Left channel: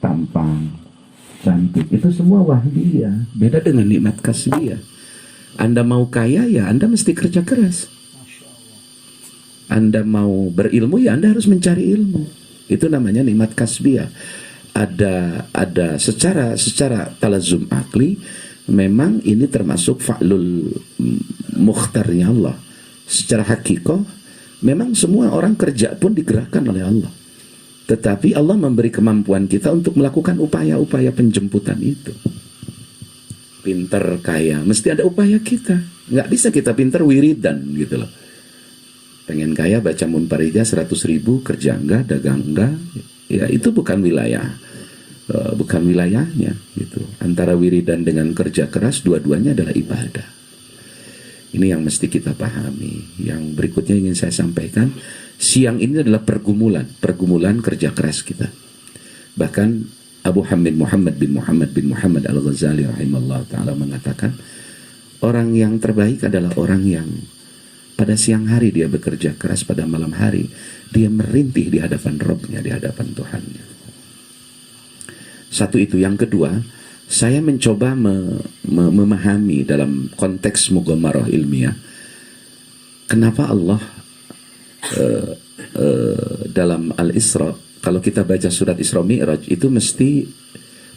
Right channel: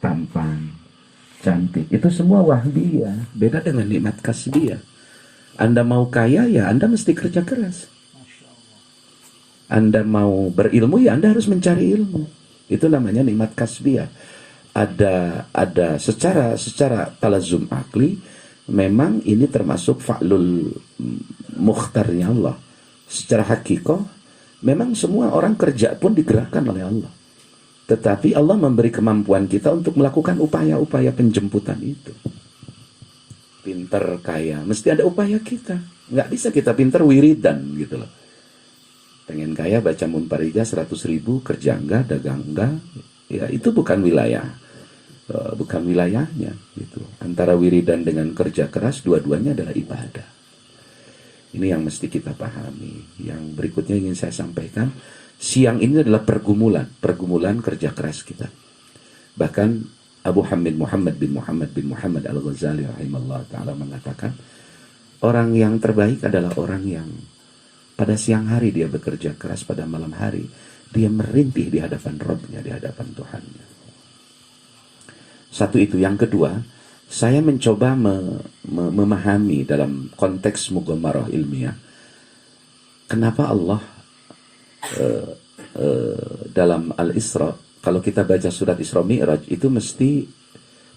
tampang, cantik. Itu semua wahbiyah. Beda dengan nikmat kasbiyah. Anda mau kaya, ya Anda mesti kerja keras. Anda mau berilmu, ya Anda harus mencari ilmu. Itu namanya nikmat kasbiyah. Ada secara talazum akli, memang ini termasuk fa'lul mukhtarnya Allah. Secara hakikoh, memang semua orang kerja pun digerakkan oleh Allah. Tetapi Allah memberi kemampuan kita untuk melakukan upaya-upaya penjemputan itu. Pinter, kaya, mesti ada upaya kita. Nggak bisa kita pinter wiridan gitu loh. Pengen kaya, baca munfarijah 100.000, kerja enggak, dagang enggak. Ya itu bukan wilayahnya gitu. Antara wiridan dengan kerja keras, dua-duanya adalah ibadah. Ini yang mesti kita pahami. Yang berikutnya ingin saya sampaikan, siang ini adalah pergumulan kerja keras kita. Bahkan Abu Hamid Muhammad bin Muhammad Al-Ghazali rahimahullah ta'ala mengatakan, orang yang terbaik adalah orang yang pada siang hari dia bekerja keras, pada malam hari dia merintih di hadapan Rabbnya, di hadapan Tuhannya. Satu itu. Yang kedua, saya mencoba memahami dalam konteks mughamarah ilmiah, kenapa Allah dalam Al-Isra, kalau kita baca surat Isra Mi'raj, itu mesti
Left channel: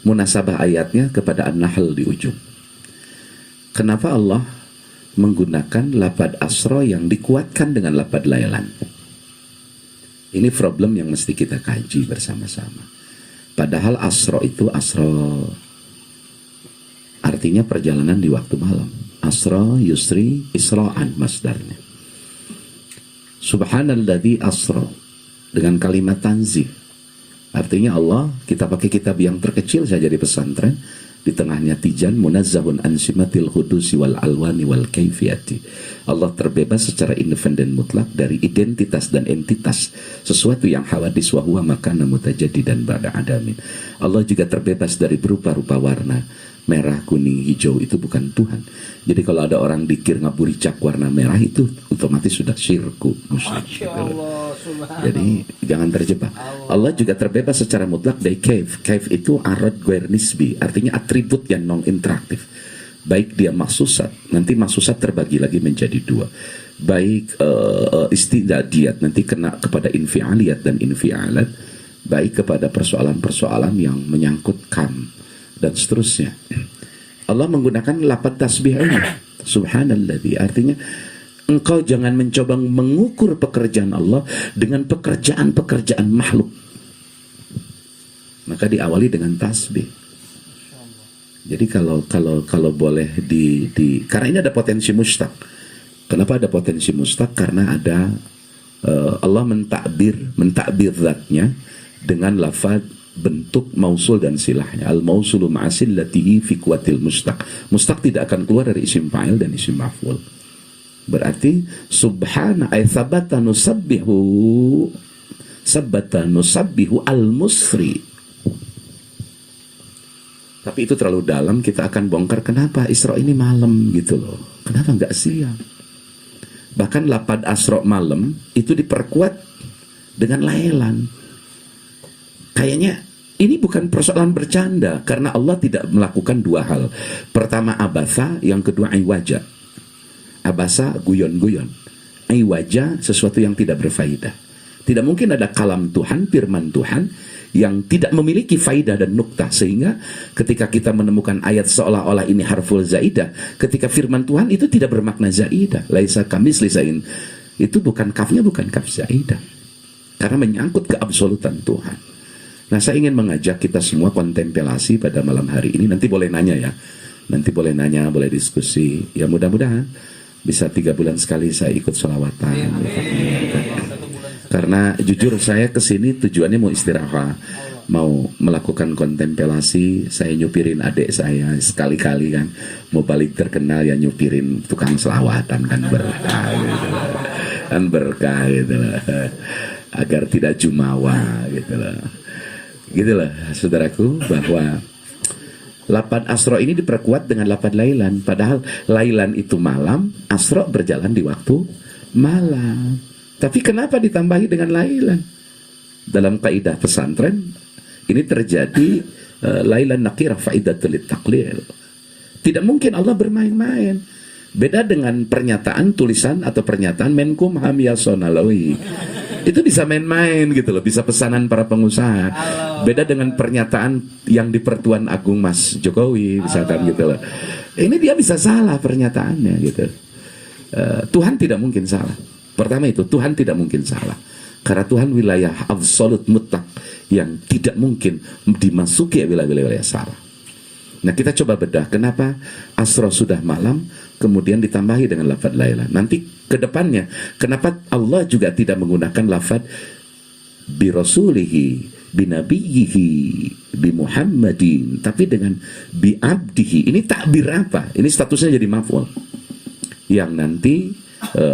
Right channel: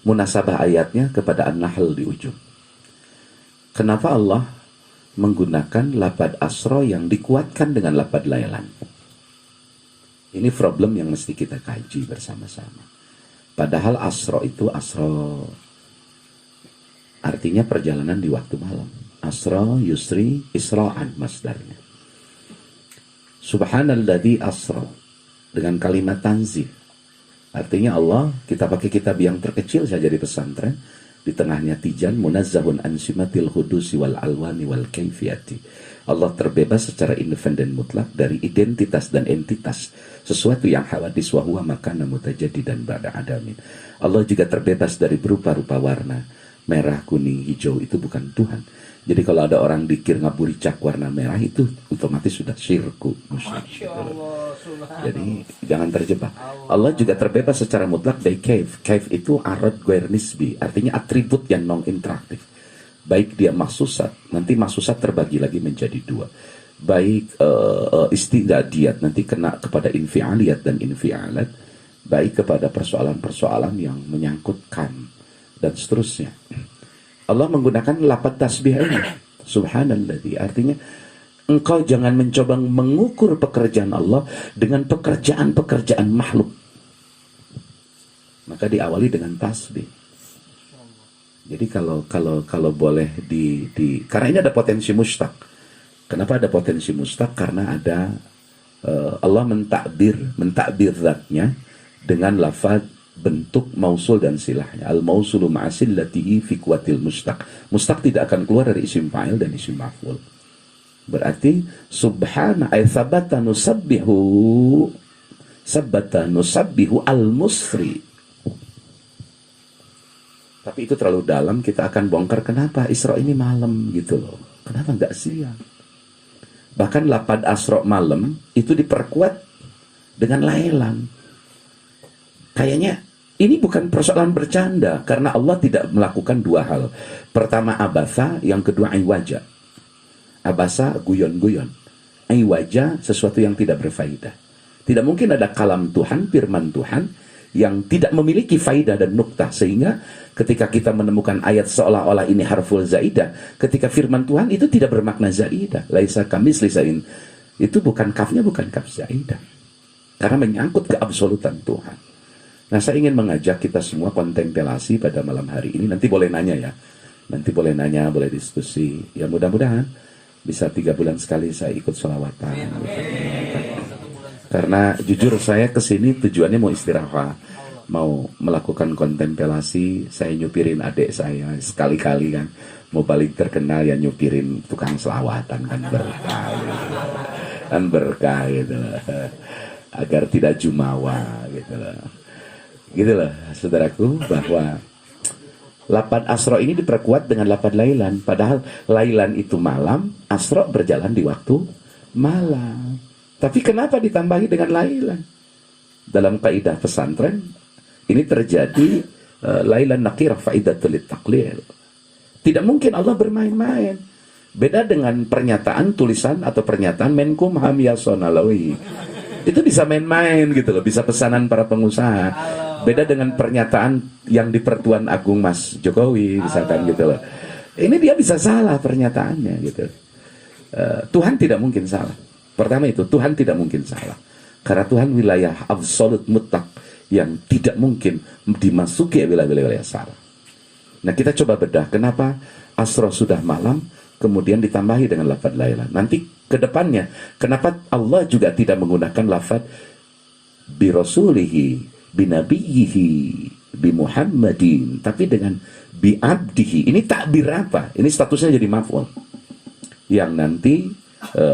munasabah ayatnya kepada An-Nahl di ujung. Kenapa Allah menggunakan lafadz asra yang dikuatkan dengan lafadz lailan? Ini problem yang mesti kita kaji bersama-sama. Padahal asra itu artinya perjalanan di waktu malam. Asra yusri isra'an masdarnya. Subhanalladzi asra dengan kalimat tanzih. Artinya Allah, kita pakai kitab yang terkecil saja di pesantren, di tengahnya tijan, munazzahun an simatil hudusi wal alwani wal kaifiyati. Allah terbebas secara independen mutlak dari identitas dan entitas sesuatu yang hawadis wa huwa makana mutajaddidan ba'da adamin. Allah juga terbebas dari berupa-rupa warna, merah, kuning, hijau, itu bukan Tuhan. Jadi kalau ada orang dikir ngaburicak warna merah, itu otomatis sudah syirku musyrik. Jadi jangan terjebak. Allah juga terbebas secara mutlak dari kaif. Kaif itu arad ghair nisbi, artinya atribut yang non interaktif. Baik dia maksusat, nanti maksusat terbagi lagi menjadi dua. Baik istidadiyat, nanti kena kepada infialiyat dan infialat. Baik kepada persoalan-persoalan yang menyangkut kam dan seterusnya. Allah menggunakan lafaz tasbih ini, subhanalladzi, artinya engkau jangan mencoba mengukur pekerjaan Allah dengan pekerjaan-pekerjaan makhluk. Maka diawali dengan tasbih. Jadi kalau boleh karena ini ada potensi mustaq. Kenapa ada potensi mustaq? Karena ada Allah mentakbir zatnya dengan lafaz bentuk mausul dan silahnya. Al-mausulu ma'asillatihi fi kuwatil mustaq. Mustaq tidak akan keluar dari isim fa'il dan isim maf'ul. Berarti subhana ay sabata nusabbihu al-musri. Tapi itu terlalu dalam, kita akan bongkar kenapa Isra ini malam gitu loh. Kenapa enggak siang? Bahkan lafaz asra malam itu diperkuat dengan lailan. Kayaknya ini bukan persoalan bercanda, karena Allah tidak melakukan dua hal. Pertama abasa, yang kedua iwaja. Abasa guyon-guyon, iwaja sesuatu yang tidak berfaedah. Tidak mungkin ada kalam Tuhan, firman Tuhan yang tidak memiliki faidah dan nuktah, sehingga ketika kita menemukan ayat seolah-olah ini harful zaidah, ketika firman Tuhan itu tidak bermakna zaidah. Laisa kamis lisain, itu bukan kafnya, bukan kaf zaidah, karena menyangkut keabsolutan Tuhan. Nah, saya ingin mengajak kita semua kontemplasi pada malam hari ini. Nanti boleh nanya ya, boleh diskusi. Ya mudah-mudahan bisa 3 bulan sekali saya ikut sholawatan. Karena jujur saya kesini tujuannya mau istirahat, mau melakukan kontemplasi. Saya nyupirin adik saya sekali-kali kan, mau balik terkenal ya nyupirin tukang selawatan kan, berkah gitu. Kan berkah gitu lah. Agar tidak jumawa gitu lah. Gitu lah saudaraku, bahwa lafaz asra ini diperkuat dengan lafaz lailan. Padahal lailan itu malam, asra berjalan di waktu malam. Tapi kenapa ditambahi dengan lailan? Dalam kaidah pesantren, Ini terjadi lailan nakirah faidatul taklil. Tidak mungkin Allah bermain-main. Beda dengan pernyataan tulisan atau pernyataan Menkumham Yasona Lawli. Itu bisa main-main gitu loh, bisa pesanan para pengusaha. Beda dengan pernyataan yang di Pertuan Agung Mas Jokowi misalkan gitu loh. Ini dia bisa salah pernyataannya gitu. Tuhan tidak mungkin salah. Pertama itu, Tuhan tidak mungkin salah. Karena Tuhan wilayah absolut mutlak yang tidak mungkin dimasuki wilayah-wilayah salah. Nah, kita coba bedah kenapa asro sudah malam kemudian ditambahi dengan lafaz laila. Nanti ke depannya kenapa Allah juga tidak menggunakan lafaz bi rasulihi, bi nabiyhi, bi Muhammadin, tapi dengan bi abdihi. Ini takbir apa? Ini statusnya jadi maf'ul. Yang nanti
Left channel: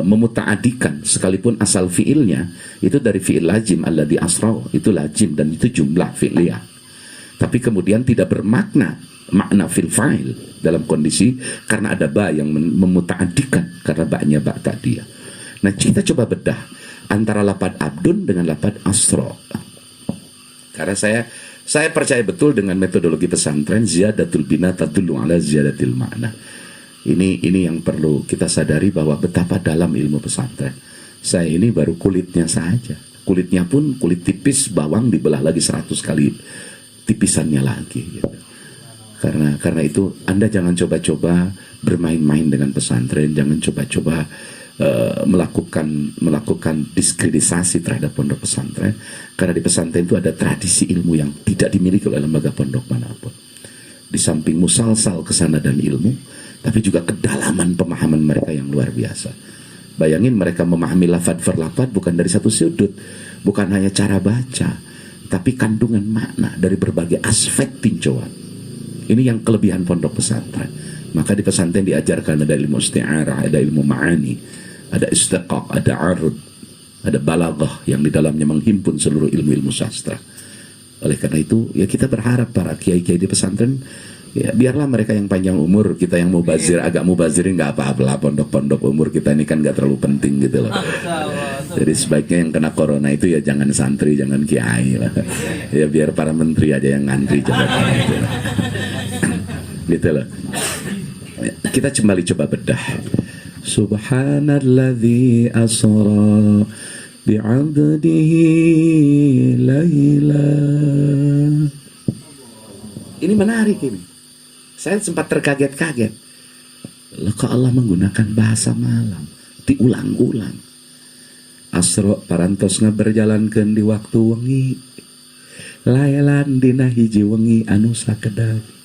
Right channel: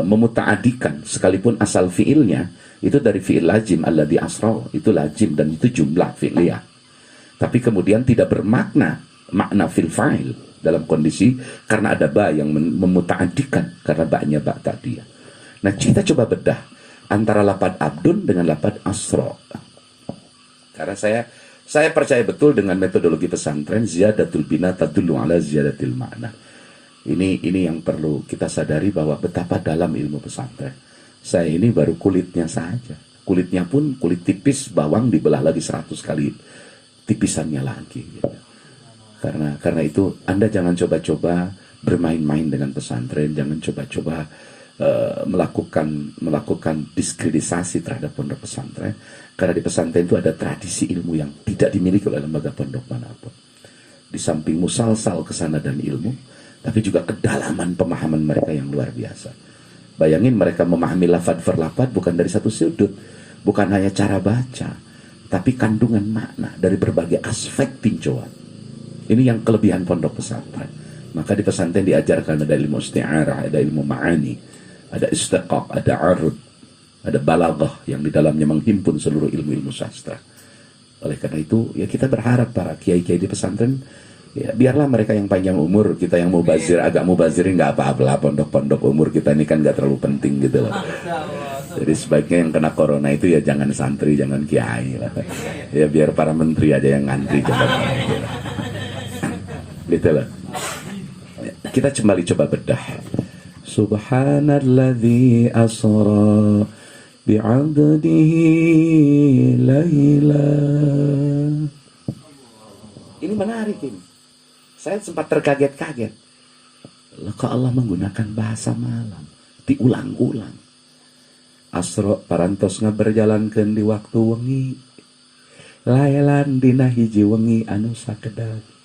memutaadikan, sekalipun asal fiilnya itu dari fiil lazim alladzi asra, itu lazim dan itu jumlah fi'liyah. Tapi kemudian tidak bermakna makna fil fa'il dalam kondisi karena ada ba yang memutaadikan karena ba'nya ba tadiyah. Nah, kita coba bedah antara lafaz abdun dengan lafaz asra. Karena saya percaya betul dengan metodologi pesantren ziyadatul bina tadullu ala ziyadatil makna. Ini yang perlu kita sadari bahwa betapa dalam ilmu pesantren. Saya ini baru kulitnya saja. Kulitnya pun kulit tipis, bawang dibelah lagi 100 kali tipisannya lagi gitu. Karena itu Anda jangan coba-coba bermain-main dengan pesantren, jangan coba-coba melakukan diskreditisasi terhadap pondok pesantren, karena di pesantren itu ada tradisi ilmu yang tidak dimiliki oleh lembaga pondok manapun. Di samping musalsal kesana dan ilmu, tapi juga kedalaman pemahaman mereka yang luar biasa. Bayangin mereka memahami lafad per lafad bukan dari satu sudut, bukan hanya cara baca, tapi kandungan makna dari berbagai aspek tinjauan. Ini yang kelebihan pondok pesantren. Maka di pesantren diajarkan ada ilmu isti'arah, ada ilmu ma'ani, ada istiqaq, ada arud, ada balaghah yang di dalamnya menghimpun seluruh ilmu-ilmu sastra. Oleh karena itu, ya kita berharap para kiai-kiai di pesantren, ya biarlah mereka yang panjang umur, kita yang mubazir, agak mubazirin nggak apa-apa lah, pondok-pondok umur kita ini kan nggak terlalu penting gitu loh. Jadi sebaiknya yang kena corona itu ya jangan santri, jangan kiai lah. Ya biar para menteri aja yang ngantri jabatan gitu lah. Gitu loh. Kita kembali coba bedah. Subhanalladzi asra bi'abdihi laila. Ini menarik ini. Saya sempat terkaget-kaget. Loh, kok Allah menggunakan bahasa malam diulang-ulang. Asra parantos ngaberjalankeun di waktu wengi. Lailan dina hiji wengi anu sakedah.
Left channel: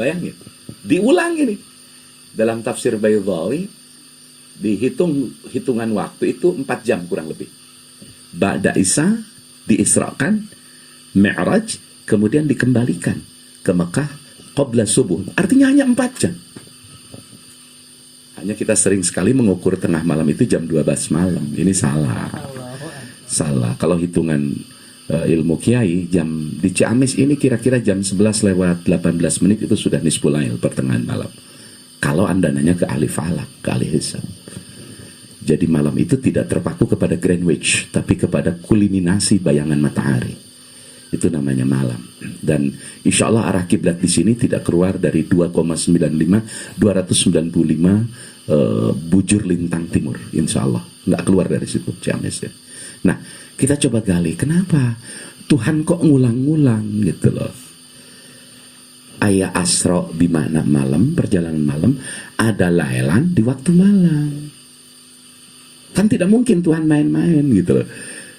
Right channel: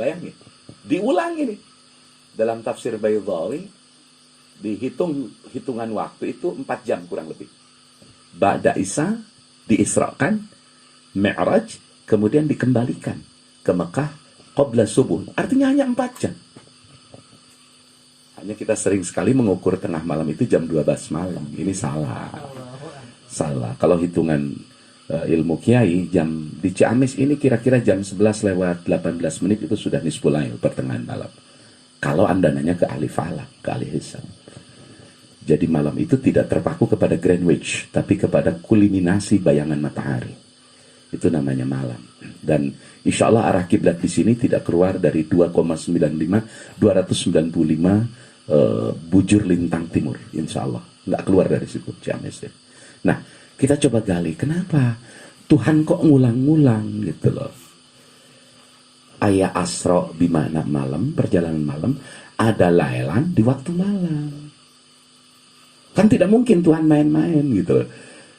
Bayangin, diulang ini. Dalam tafsir Baydhawi hitungan waktu itu 4 jam kurang lebih. Ba'da Isa diisrakan, Mi'raj, kemudian dikembalikan ke Mekah qabla subuh. Artinya hanya 4 jam. Hanya kita sering sekali mengukur tengah malam itu jam 12 malam. Ini salah. Salah. Kalau hitungan ilmu kiai, jam di Ciamis ini kira-kira jam 11 lewat 18 menit itu sudah nisful lail, pertengahan malam. Kalau Anda nanya ke ahli falak, ke ahli hisab. Jadi malam itu tidak terpaku kepada Greenwich, tapi kepada kulminasi bayangan matahari. Itu namanya malam. Dan insya Allah arah kiblat di sini tidak keluar dari 295 bujur lintang timur, insya Allah. Nggak keluar dari situ Ciamis ya. Nah, kita coba gali, kenapa Tuhan kok ngulang-ngulang gitu loh. Ayat asra bimana malam, perjalanan malam, ada lailan di waktu malam. Kan tidak mungkin Tuhan main-main gitu loh.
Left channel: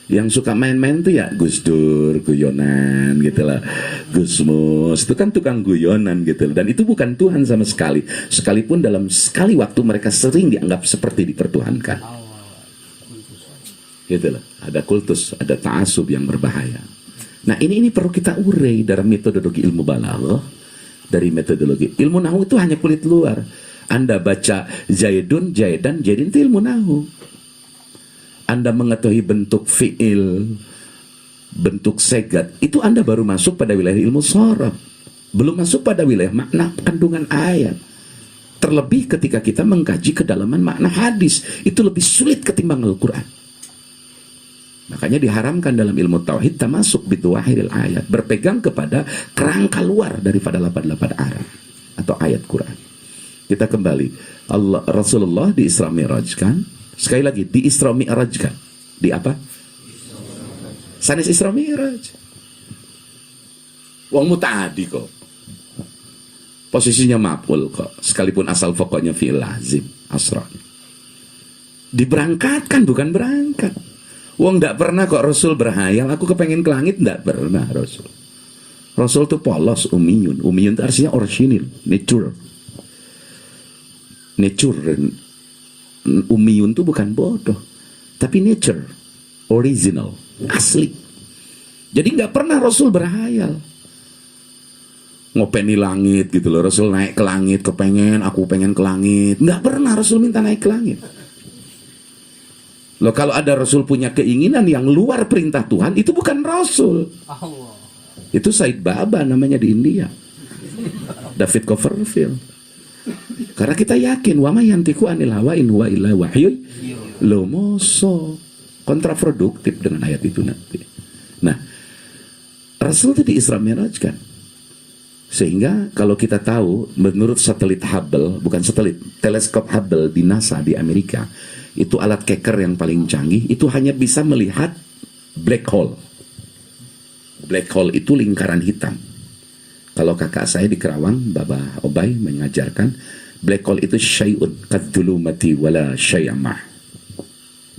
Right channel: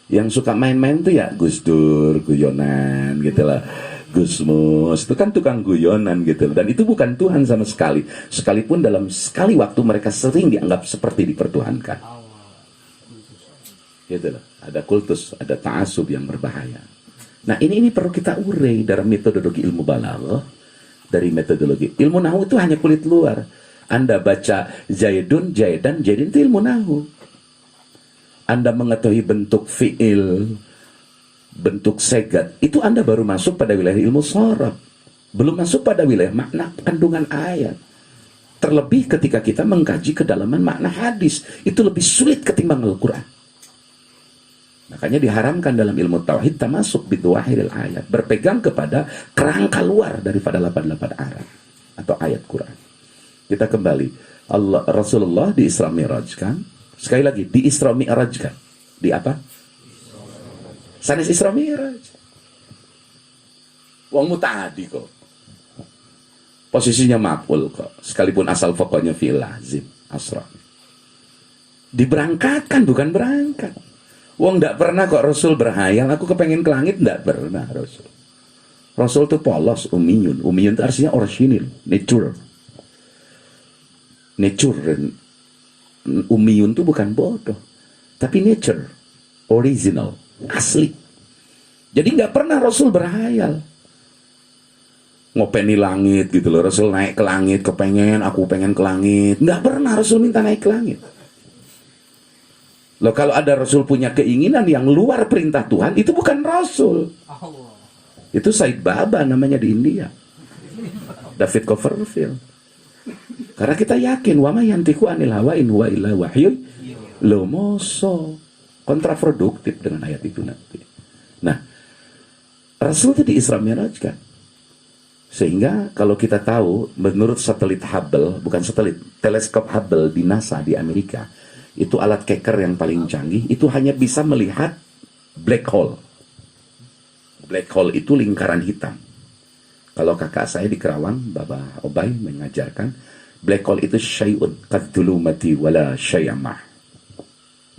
Yang suka main-main tuh ya Gus Dur, guyonan gitu loh. Gus Mus, itu kan tukang guyonan gitu loh. Dan itu bukan Tuhan sama sekali. Sekalipun dalam sekali waktu mereka sering dianggap seperti dipertuhankan. Gitu loh. Ada kultus, ada ta'asub yang berbahaya. Nah ini perlu kita urai dalam metodologi ilmu balaghah. Dari metodologi ilmu nahwu itu hanya kulit luar. Anda baca Zaidun, Jaidan, Jaidin itu ilmu nahwu. Anda mengetahui bentuk fi'il, bentuk segat, itu Anda baru masuk pada wilayah ilmu sharaf. Belum masuk pada wilayah makna kandungan ayat. Terlebih ketika kita mengkaji kedalaman makna hadis, itu lebih sulit ketimbang Al-Quran. Makanya diharamkan dalam ilmu tauhid tamasuk bidwahiril ayat, berpegang kepada kerangka luar daripada 88 Arab atau ayat Quran. Kita kembali, Rasulullah di Isra Mi'rajkan, sekali lagi di Isra Mi'rajkan. Di apa? Sanes Isra Mi'raj. Wong muta'adi kok. Posisinya maf'ul kok, sekalipun asal pokoknya fi'il lazim, asra. Diberangkatkan bukan berangkat. Wong ndak pernah kok Rasul berhayal, aku kepengen ke langit, ndak pernah Rasul. Rasul itu polos, umiyun. Umiyun itu artinya orisinil, nature. Umiyun itu bukan bodoh, tapi nature, original, asli. Jadi nggak pernah Rasul berhayal ngopeni langit gitu loh. Rasul naik ke langit, aku pengen ke langit. Nggak pernah Rasul minta naik ke langit. Loh, kalau ada Rasul punya keinginan yang luar perintah Tuhan, itu bukan Rasul. Itu Said Baba namanya di India, David Copperfield. Karena kita yakin wa ma yantiqu anil hawa in huwa illa wahyu. Lo moso kontraproduktif dengan ayat itu nanti. Nah, Rasul itu di Isra Mi'raj kan. Sehingga kalau kita tahu, menurut satelit Hubble, bukan satelit, teleskop Hubble di NASA di Amerika, itu alat keker yang paling canggih, itu hanya bisa melihat black hole. Black hole itu lingkaran hitam. Kalau kakak saya di Kerawang, Baba Obay mengajarkan, black hole itu syai'un kadzulumati wala syai'amah.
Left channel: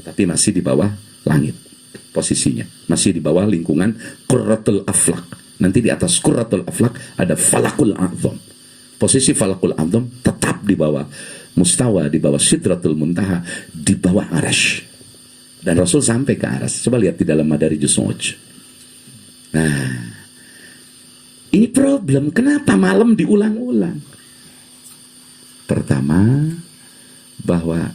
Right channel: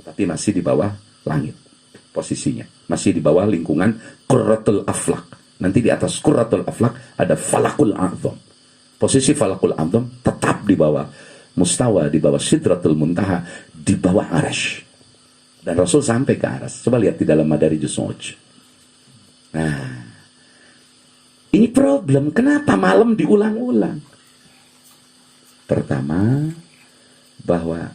Tapi masih di bawah langit posisinya. Masih di bawah lingkungan Qurratul Aflaq. Nanti di atas Qurratul Aflaq ada Falakul A'zam. Posisi Falakul A'zam tetap di bawah mustawa, di bawah Sidratul Muntaha, di bawah Arash. Dan Rasul sampai ke Arash. Coba lihat di dalam Madarijus Nu'uj. Nah, ini problem. Kenapa malam diulang-ulang? Pertama, bahwa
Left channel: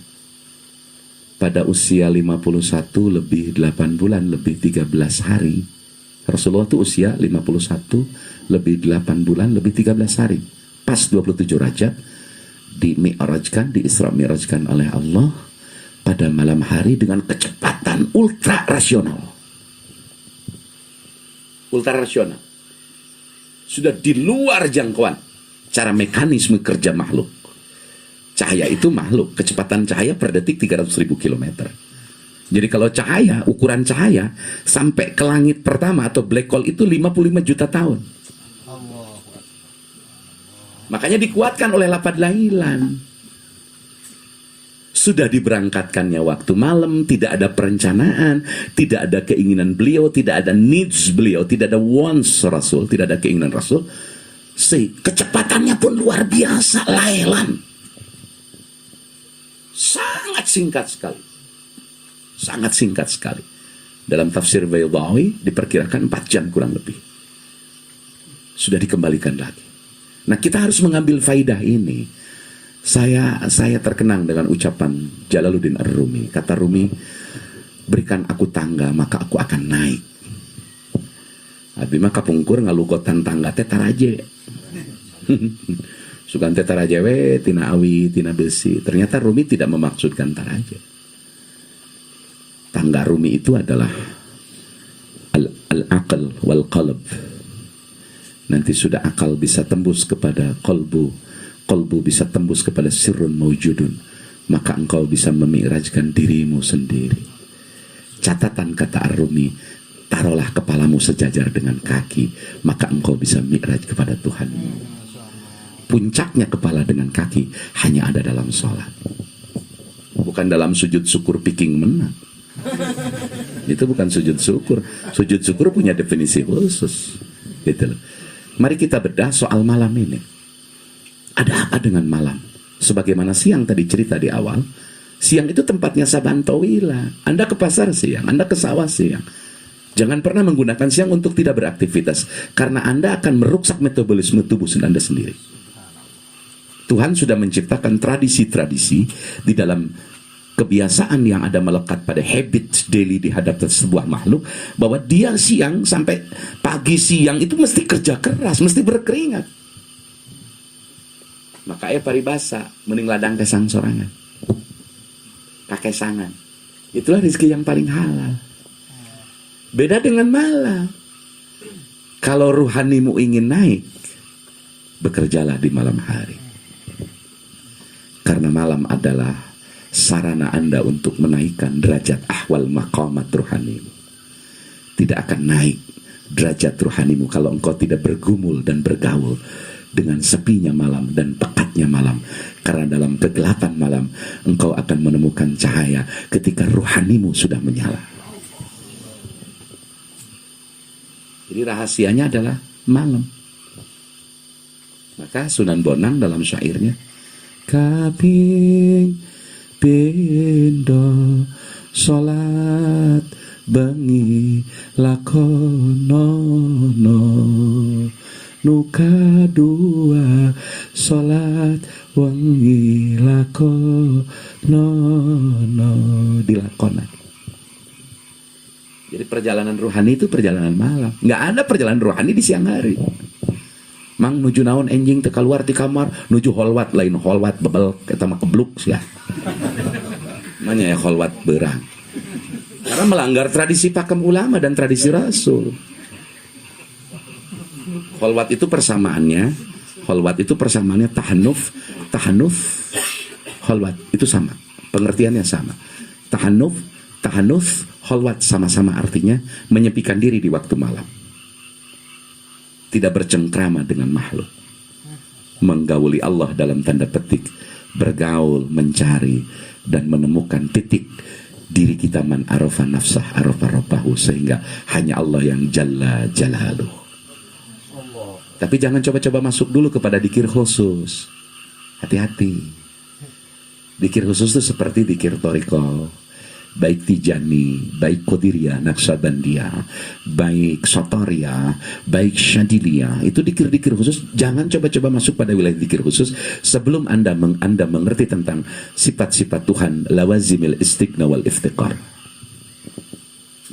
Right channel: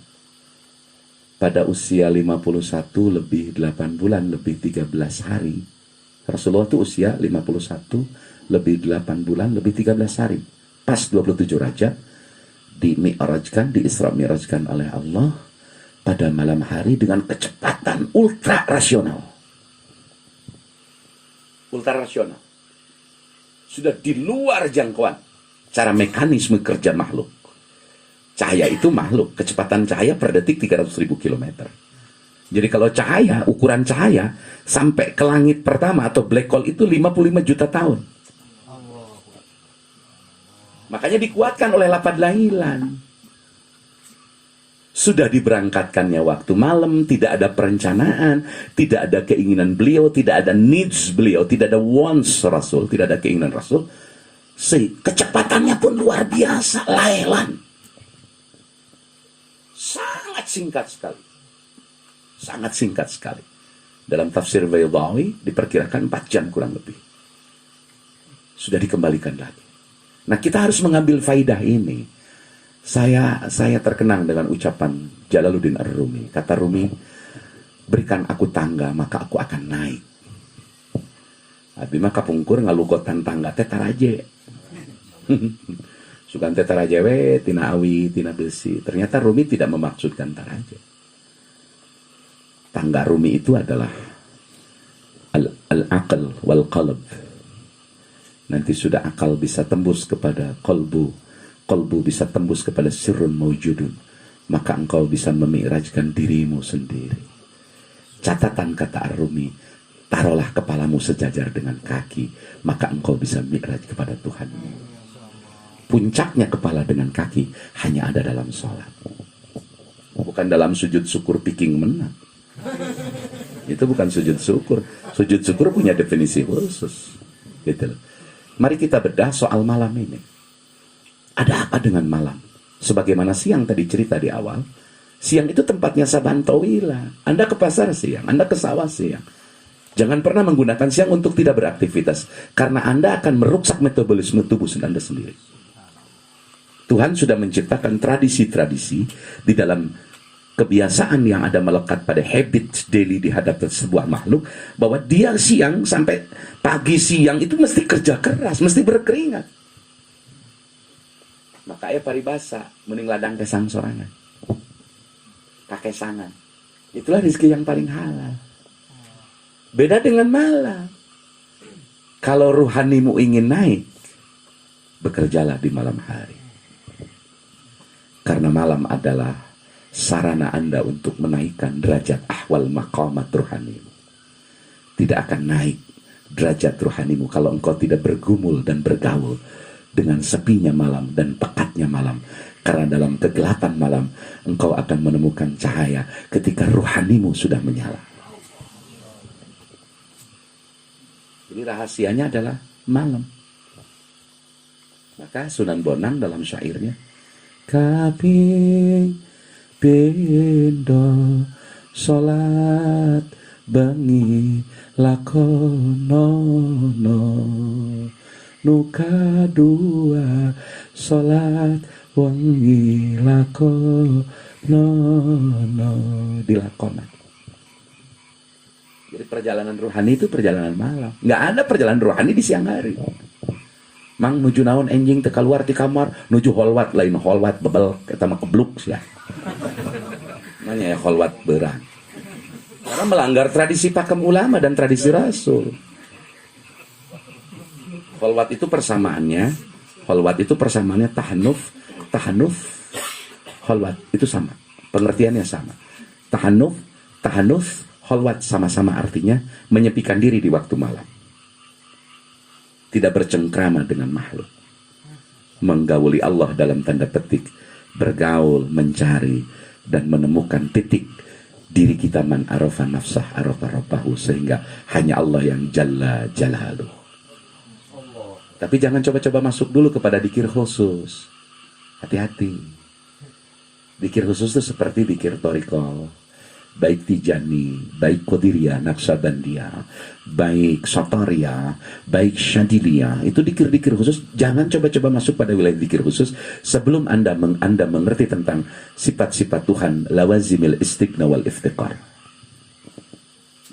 pada usia 51 lebih 8 bulan lebih 13 hari, Rasulullah itu usia 51 lebih 8 bulan lebih 13 hari. Pas 27 Rajab di Mi'rajkan, di Isra Mi'rajkan oleh Allah pada malam hari dengan kecepatan ultra rasional. Ultra rasional. Sudah di luar jangkauan cara mekanisme kerja makhluk. Cahaya itu makhluk, kecepatan cahaya per detik 300.000 km. Jadi kalau cahaya, ukuran cahaya sampai ke langit pertama atau black hole itu 55 juta tahun. Makanya dikuatkan oleh lapad lailan. Sudah diberangkatkannya waktu malam, tidak ada perencanaan, tidak ada keinginan beliau, tidak ada needs beliau, tidak ada wants Rasul, tidak ada keinginan Rasul. Kecepatannya pun luar biasa, lailan. Sangat singkat sekali. Sangat singkat sekali. Dalam tafsir Baydawi diperkirakan 4 jam kurang lebih. Sudah dikembalikan lagi. Nah, kita harus mengambil faidah ini. Saya terkenang dengan ucapan Jalaluddin Ar-Rumi. Kata Rumi, berikan aku tangga maka aku akan naik. Abi maka pungkur ngalugotan tangga teh taraje. Sugan teh taraje we tina awi tina besi. Ternyata Rumi tidak memaksudkan taraje. Tangga Rumi itu adalah al-aql wal qalb. Nanti sudah akal bisa tembus kepada qalbu, qalbu bisa tembus kepada sirrun maujudun, maka engkau bisa memi'rajkan dirimu sendiri. Catatan kata Ar-Rumi, taruhlah kepalamu sejajar dengan kaki, maka engkau bisa mi'raj kepada Tuhan. Puncaknya kepala dengan kaki hanya ada dalam sholat, bukan dalam sujud syukur piking menang. Itu bukan sujud syukur. Sujud syukur punya definisi khusus, gitu loh. Mari kita bedah soal malam ini. Ada apa dengan malam? Sebagaimana siang tadi cerita di awal, siang itu tempatnya saban tawila. Anda ke pasar siang, Anda ke sawah siang. Jangan pernah menggunakan siang untuk tidak beraktivitas, karena Anda akan merusak metabolisme tubuh Anda sendiri. Tuhan sudah menciptakan tradisi-tradisi di dalam kebiasaan yang ada melekat pada habit daily di hadapan sebuah makhluk, bahwa dia siang sampai pagi siang itu mesti kerja keras, mesti berkeringat. Makanya paribasa mending ladang kesang sorangan, pakai sangan. Itulah rezeki yang paling halal. Beda dengan malam. Kalau ruhanimu ingin naik, bekerjalah di malam hari. Karena malam adalah sarana Anda untuk menaikkan derajat ahwal maqamat ruhanimu. Tidak akan naik derajat ruhanimu kalau engkau tidak bergumul dan bergaul dengan sepinya malam dan pekatnya malam. Karena dalam kegelapan malam engkau akan menemukan cahaya ketika ruhanimu sudah menyala. Jadi rahasianya adalah malam. Maka Sunan Bonang dalam syairnya, kaping pindho salat bengi lakonono, nuka dua salat wengi lakonono, dilakonan. Jadi perjalanan ruhani itu perjalanan malam. Nggak ada perjalanan ruhani di siang hari. Mang nuju naon enjing teu keluar di kamar, nuju holwat lain holwat bebel kita mah kebluk sia. Namanya ya holwat berang. Karena melanggar tradisi pakem ulama dan tradisi Rasul. Holwat itu persamaannya tahanuf, holwat itu sama. Pengertiannya sama. Tahanuf, holwat sama-sama artinya menyepikan diri di waktu malam. Tidak bercengkrama dengan makhluk. Menggauli Allah dalam tanda petik. Bergaul, mencari, dan menemukan titik diri kita man arafa nafsah arafa rabbahu, sehingga hanya Allah yang jalla jalaluh. Tapi jangan coba-coba masuk dulu kepada dikir khusus. Hati-hati. Dikir khusus itu seperti dikir toriko, baik Tijani, baik Qadiriyah, Naqsabandiyah, baik Satariyah, baik Syadiliyah. Itu dikir-dikir khusus. Jangan coba-coba masuk pada wilayah dikir khusus sebelum Anda mengerti tentang sifat-sifat Tuhan, lawazimil istighna wal iftiqar.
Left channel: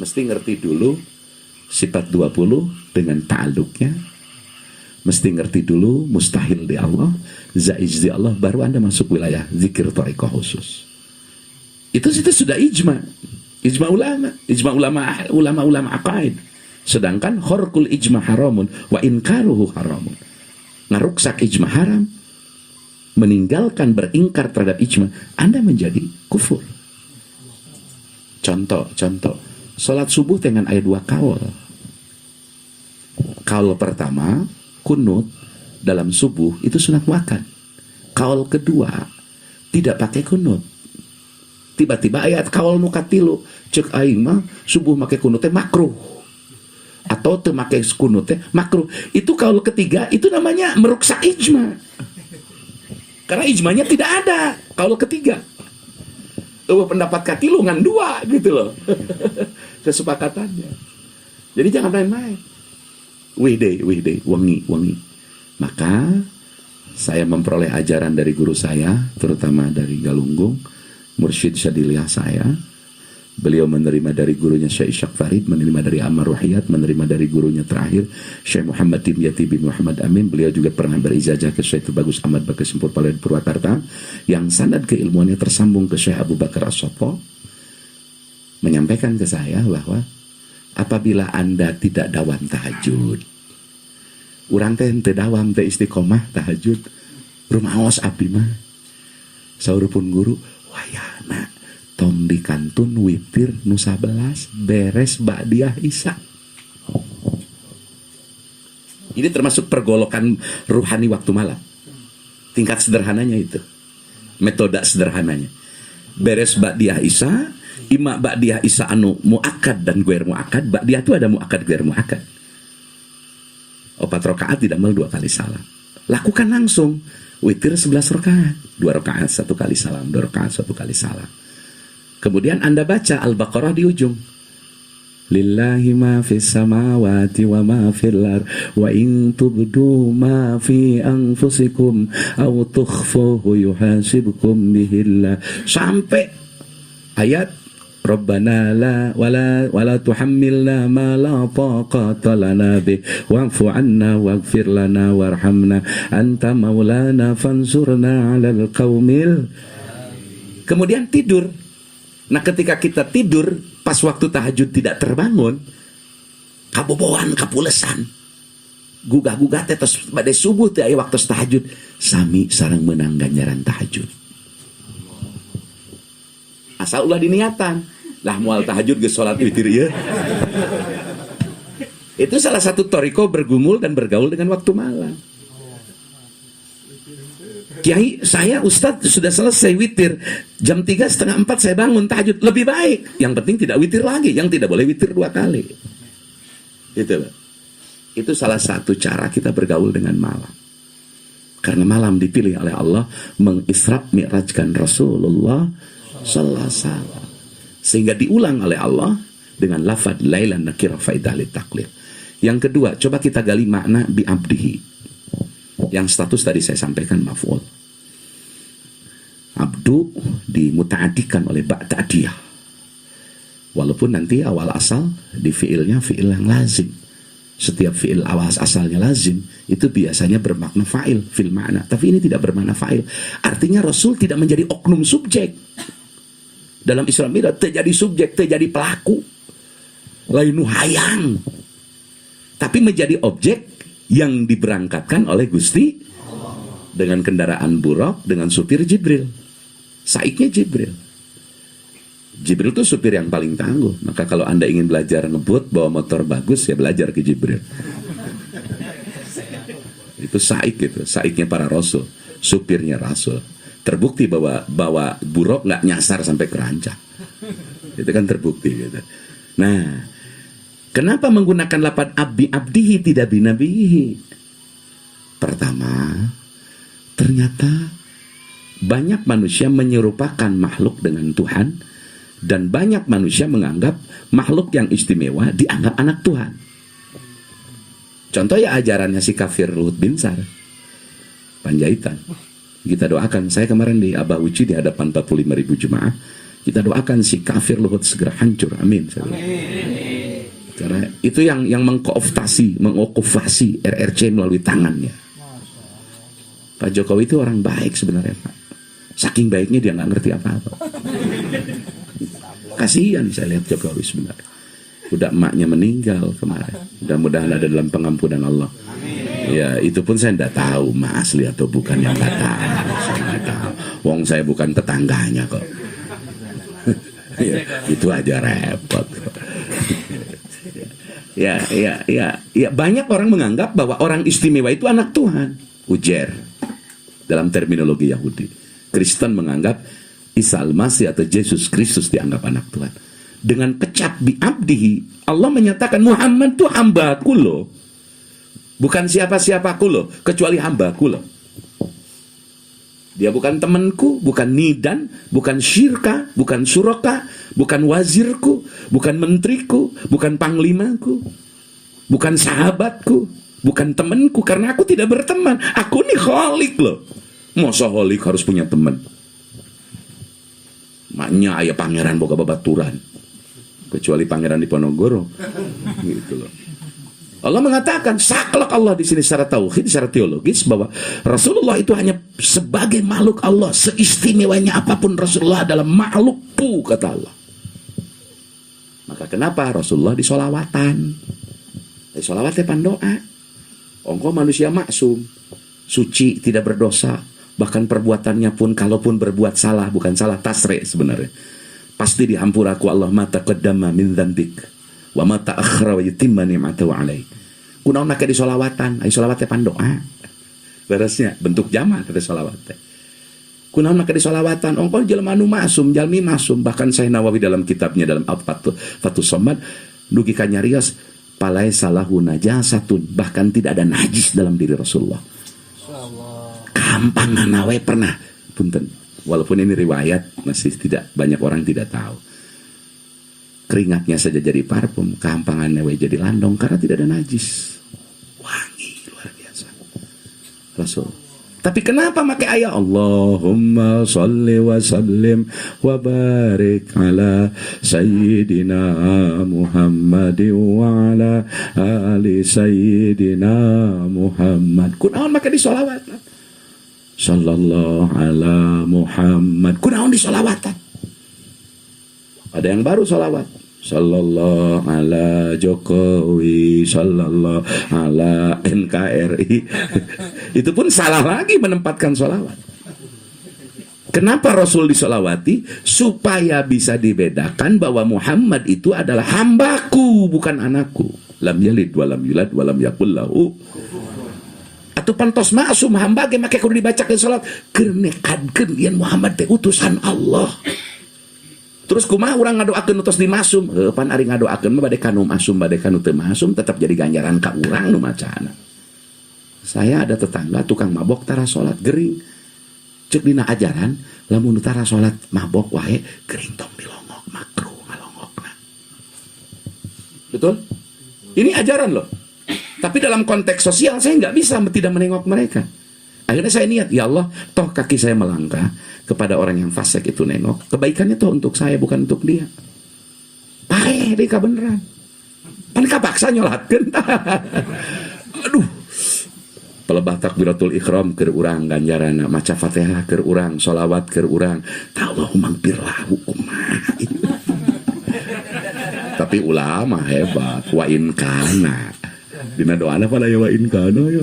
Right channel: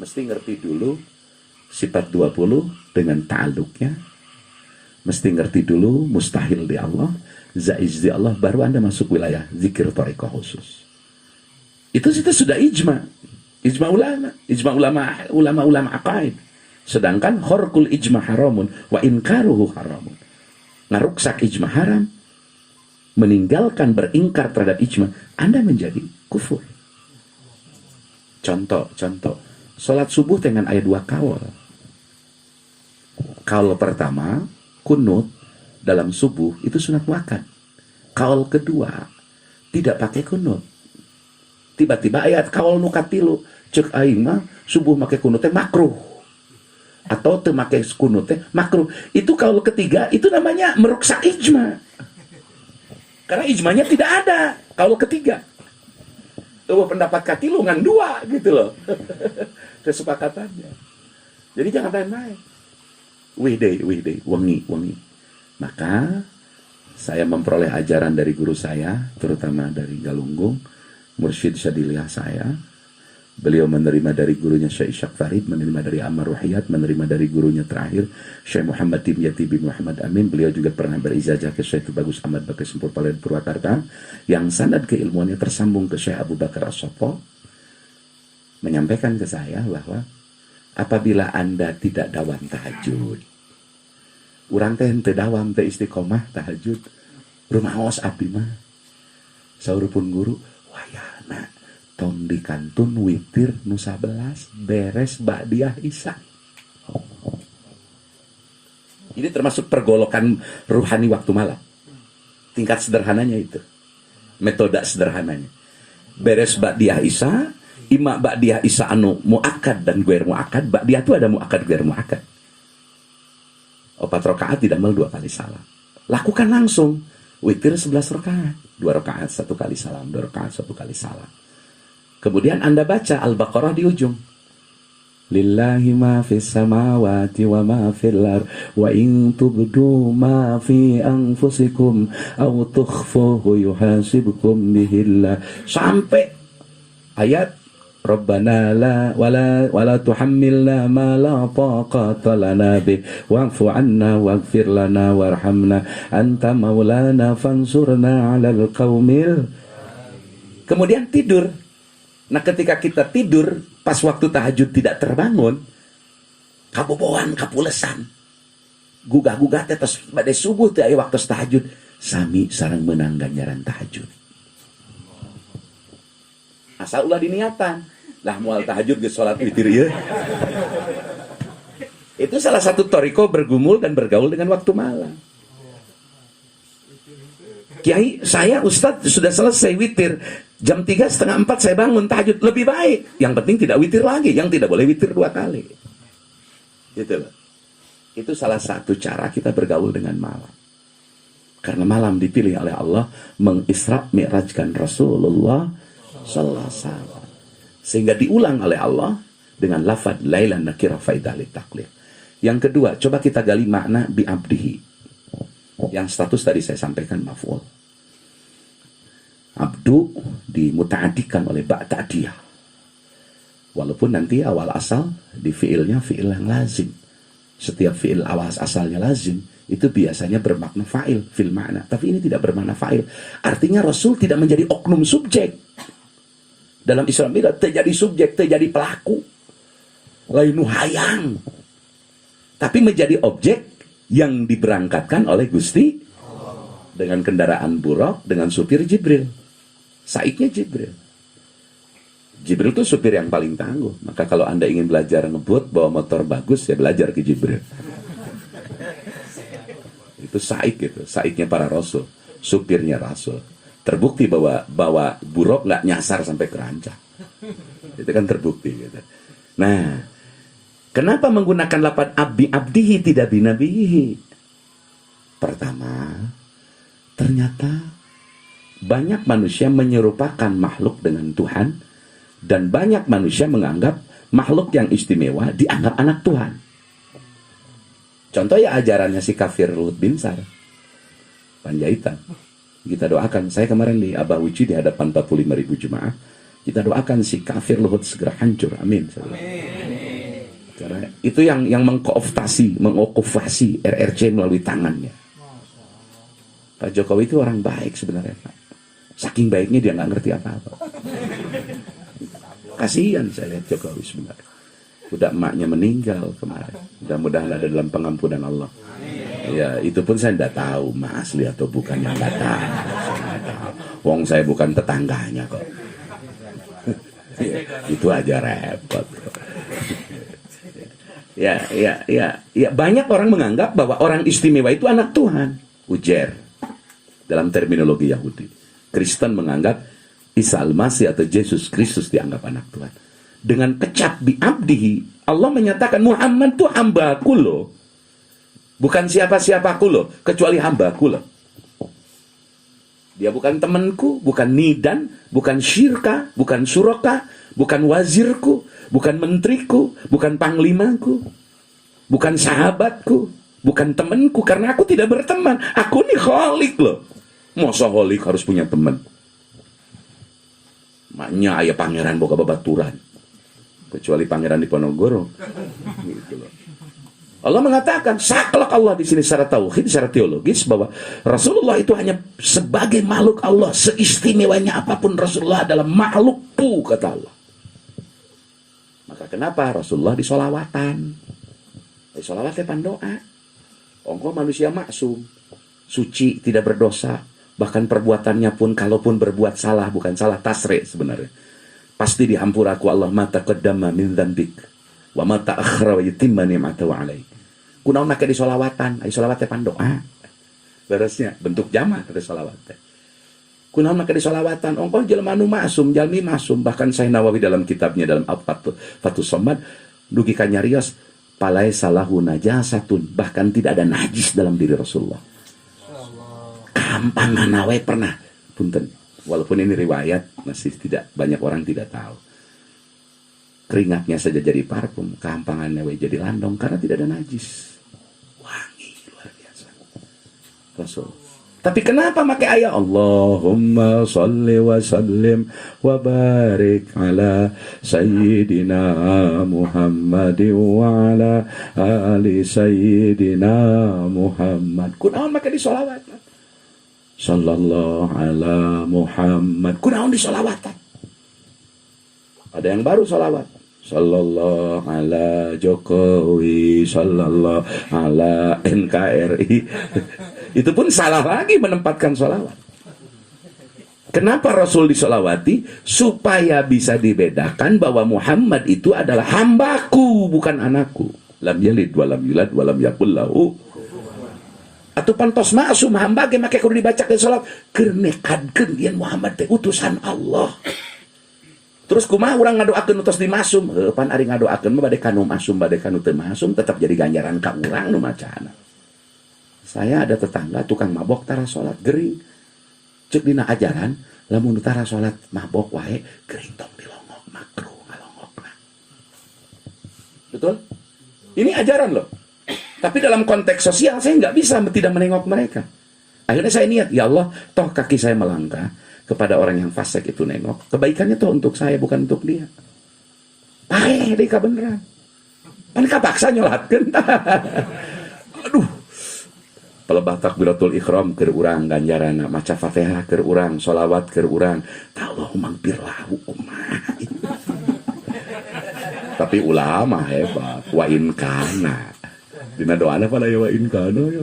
Mesti ngerti dulu sifat 20 dengan ta'alluqnya. Mesti ngerti dulu mustahil di Allah, zaiz di Allah, baru Anda masuk wilayah zikir thariqah khusus. Itu sudah ijma ulama aqaid. Sedangkan khorkul ijma haramun wa inkaruhu haramun. Ngaruksak ijma haram, meninggalkan beringkar terhadap ijma, Anda menjadi kufur. Contoh, salat subuh dengan ayat 2 kaul. Kaul pertama, kunut dalam subuh itu sunat muakkad. Kaul kedua tidak pakai kunut. Tiba-tiba ayat kaul nukatilu cek aing mah subuh make kunut teh makruh atau teu make kunut teh makruh. Itu kaul ketiga itu namanya meruksak ijma. Karena ijmanya tidak ada kaul ketiga. Pendapat katilu ngan dua gitu loh. Kesepakatannya. Jadi jangan main-main. Wihday, wangi. Maka saya memperoleh ajaran dari guru saya, terutama dari Galunggung, Mursyid Syadiliyah saya. Beliau menerima dari gurunya Syekh Ishaq Farid, menerima dari Ammar Ruhiyat, menerima dari gurunya terakhir Syekh Muhammad Dimyati bin Muhammad Amin. Beliau juga pernah berizajah ke Syekh Bagus Ahmad Bakri Sempur Palembang Purwakarta, yang sanad keilmuannya tersambung ke Syekh Abu Bakar As-Sofo, menyampaikan ke saya bahwa apabila Anda tidak dawam tahajud, urang teh henteu dawam teh istiqomah tahajud, rumah awas abdi mah saurupun guru wayahna tong dikantun witir nu 11 beres ba'diyah isya. Ini termasuk pergolokan ruhani waktu malam. Tingkat sederhananya itu. Metode sederhananya. Beres ba'diyah isya, ima ba'diyah isya anu muakkad dan guer muakkad. Ba'diyah itu ada muakkad guer muakkad. 4 rakaat tidak 2 kali salam. Lakukan langsung. Witir 11 rakaat, 2 rakaat 1 kali salam, 2 rakaat 1 kali salam. Kemudian Anda baca Al-Baqarah di ujung. Lillahi ma fis samawati wa ma fil ard wa in tubdu ma fi anfusikum aw tukhfuhu yuhasibkum bihillah, sampai ayat Rabbana wala tuhammilna ma la taqata lana bih wa'fu 'anna waghfir lana warhamna anta maulana fansurna 'alal qaumil. Kemudian tidur. Nah, ketika kita tidur pas waktu tahajud tidak terbangun, kabobohan kapulesan gugah-gugah teh tos bade subuh teh aya waktu tahajud sami sareng menang ganjaran tahajud asal ulah diniatan lah moal tahajud ge salat witir ieu itu salah satu toriko bergumul dan bergaul dengan waktu malam. Kiai, saya Ustadz sudah selesai witir jam 3, setengah 4 saya bangun tahajud, lebih baik. Yang penting tidak witir lagi, yang tidak boleh witir 2 kali. Gitu loh. Itu salah satu cara kita bergaul dengan malam. Karena malam dipilih oleh Allah mengisra mi'rajkan Rasulullah sallallahu alaihi wasallam. Sehingga diulang oleh Allah dengan lafaz lailan nakirah faidah litaklif. Yang kedua, coba kita gali makna bi'abdihi. Yang status tadi saya sampaikan maf'ul. Abdu dimuta'adikan oleh ba'ta'diyah. Walaupun nanti awal asal di fi'ilnya fi'il yang lazim. Setiap fi'il awal asalnya lazim itu biasanya bermakna fa'il, fil makna. Tapi ini tidak bermakna fa'il. Artinya Rasul tidak menjadi oknum subjek. Dalam Isra Mi'raj terjadi subjek, terjadi pelaku. Lainu hayang. Tapi menjadi objek yang diberangkatkan oleh Gusti dengan kendaraan buruk, dengan supir Jibril. Saiknya Jibril. Jibril itu supir yang paling tangguh. Maka kalau Anda ingin belajar ngebut, bawa motor bagus, ya belajar ke Jibril. Itu saik gitu, saiknya para rasul, supirnya rasul. Terbukti bahwa buruk nggak nyasar sampai ke rancak. Itu kan terbukti gitu. Nah, kenapa menggunakan lafaz abdihi tidak binabihi? Pertama, ternyata banyak manusia menyerupakan makhluk dengan Tuhan dan banyak manusia menganggap makhluk yang istimewa dianggap anak Tuhan. Contoh ya ajarannya si kafir Luhut Binsar Panjaitan. Kita doakan, saya kemarin di Abah Uci di hadapan 45.000 jemaah, kita doakan si kafir Luhut segera hancur, amin. Karena itu yang mengokupasi RRC melalui tangannya. Pak Jokowi itu orang baik sebenarnya, Pak. Saking baiknya dia nggak ngerti apa-apa. Kasihan saya lihat Jokowi sebenarnya. Udah emaknya meninggal kemarin. Mudah-mudahan ada dalam pengampunan Allah. Ya itu pun saya tidak tahu emak asli atau bukan, yang nggak tahu. Saya nggak tahu. Wong saya bukan tetangganya kok. Ya, itu aja repot. Ya, banyak orang menganggap bahwa orang istimewa itu anak Tuhan. Ujer dalam terminologi Yahudi. Kristen menganggap Isa al-Masih atau Yesus Kristus dianggap anak Tuhan. Dengan kecap bi'abdihi, Allah menyatakan Muhammad itu hambaku loh. Bukan siapa-siapaku loh, kecuali hambaku loh. Dia bukan temanku, bukan nidan, bukan syirka, bukan suraka, bukan wazirku, bukan menteriku, bukan panglimaku, bukan sahabatku, bukan temanku, karena aku tidak berteman. Aku nih kholik loh. Masa kholik harus punya teman? Maknya ayah pangeran boga babaturan, kecuali pangeran di Ponorogo. Gitu loh. Allah mengatakan saklek Allah di sini secara tauhid, secara teologis bahwa Rasulullah itu hanya sebagai makhluk Allah, seistimewanya apapun Rasulullah adalah makhlukku, kata Allah. Maka kenapa Rasulullah disolawatan? Disolawatnya pandoa. Engkau manusia maksum, suci, tidak berdosa, bahkan perbuatannya pun kalaupun berbuat salah, bukan salah tasre sebenarnya, pasti dihampura ku Allah mata qaddama min dzambik wa mata akhra wa yutimma ni'matahu alaik. Kunaon make disolawatan, ai solawatnya pandoa. Beresnya bentuk jamak kata solawatnya. Kunaon make disolawatan, engkau jelema anu maksum, jalmi maksum, bahkan Syekh Nawawi dalam kitabnya dalam Fathus Somad dugi ka nyarios palai salahu najasatun, bahkan tidak ada najis dalam diri Rasulullah. Kampangan nawe pernah punten. Walaupun ini riwayat masih tidak banyak orang tidak tahu. Keringatnya saja jadi parfum, kampangannya jadi landong karena tidak ada najis. Wangi luar biasa. Rasul. Tapi kenapa pakai ayat Allahumma sholli wa sallim wa barik ala sayyidina Muhammad wa ala ali sayyidina Muhammad. Kunaon make disolawatan? Sallallahu ala Muhammad. Kunaon disolawatan? Ada yang baru solawat. Sallallahu ala Jokowi, sallallahu ala NKRI. Itu pun salah lagi menempatkan sholawat. Kenapa Rasul disolawati? Supaya bisa dibedakan bahwa Muhammad itu adalah hambaku, bukan anakku. Lam yalid walam yulad walam yakul lahu. Atau pantos masum hamba ge make kudu dibacakeun salat keur nekadkeun yen Muhammad teh utusan Allah. Terus kumaha urang ngadoakeun utos dimasum? Pan ari ngadoakeun mah bade kanu masum bade kanu teu masum tetap jadi ganjaran ka urang nu macana. Saya ada tetangga tukang mabok tara salat gering. Ceuk dina ajaran lamun tara salat mabok wae gering tong dilongok makruh ngalongokna. Betul? Ini ajaran loh. Tapi dalam konteks sosial saya nggak bisa tidak menengok mereka. Akhirnya saya niat, ya Allah, toh kaki saya melangkah kepada orang yang fasik itu nengok. Kebaikannya toh untuk saya, bukan untuk dia. Paeh, deka beneran. Pan kapaksa nyolatkeun. Aduh. Pelebah takbiratul ihram keur urang ganjarana, maca Fatihah keur urang, sholawat keur urang. Allahumma maghfirlah kumaha. Tapi ulama hebat, wa in kana. Dina doana pada ya wa in kana ya.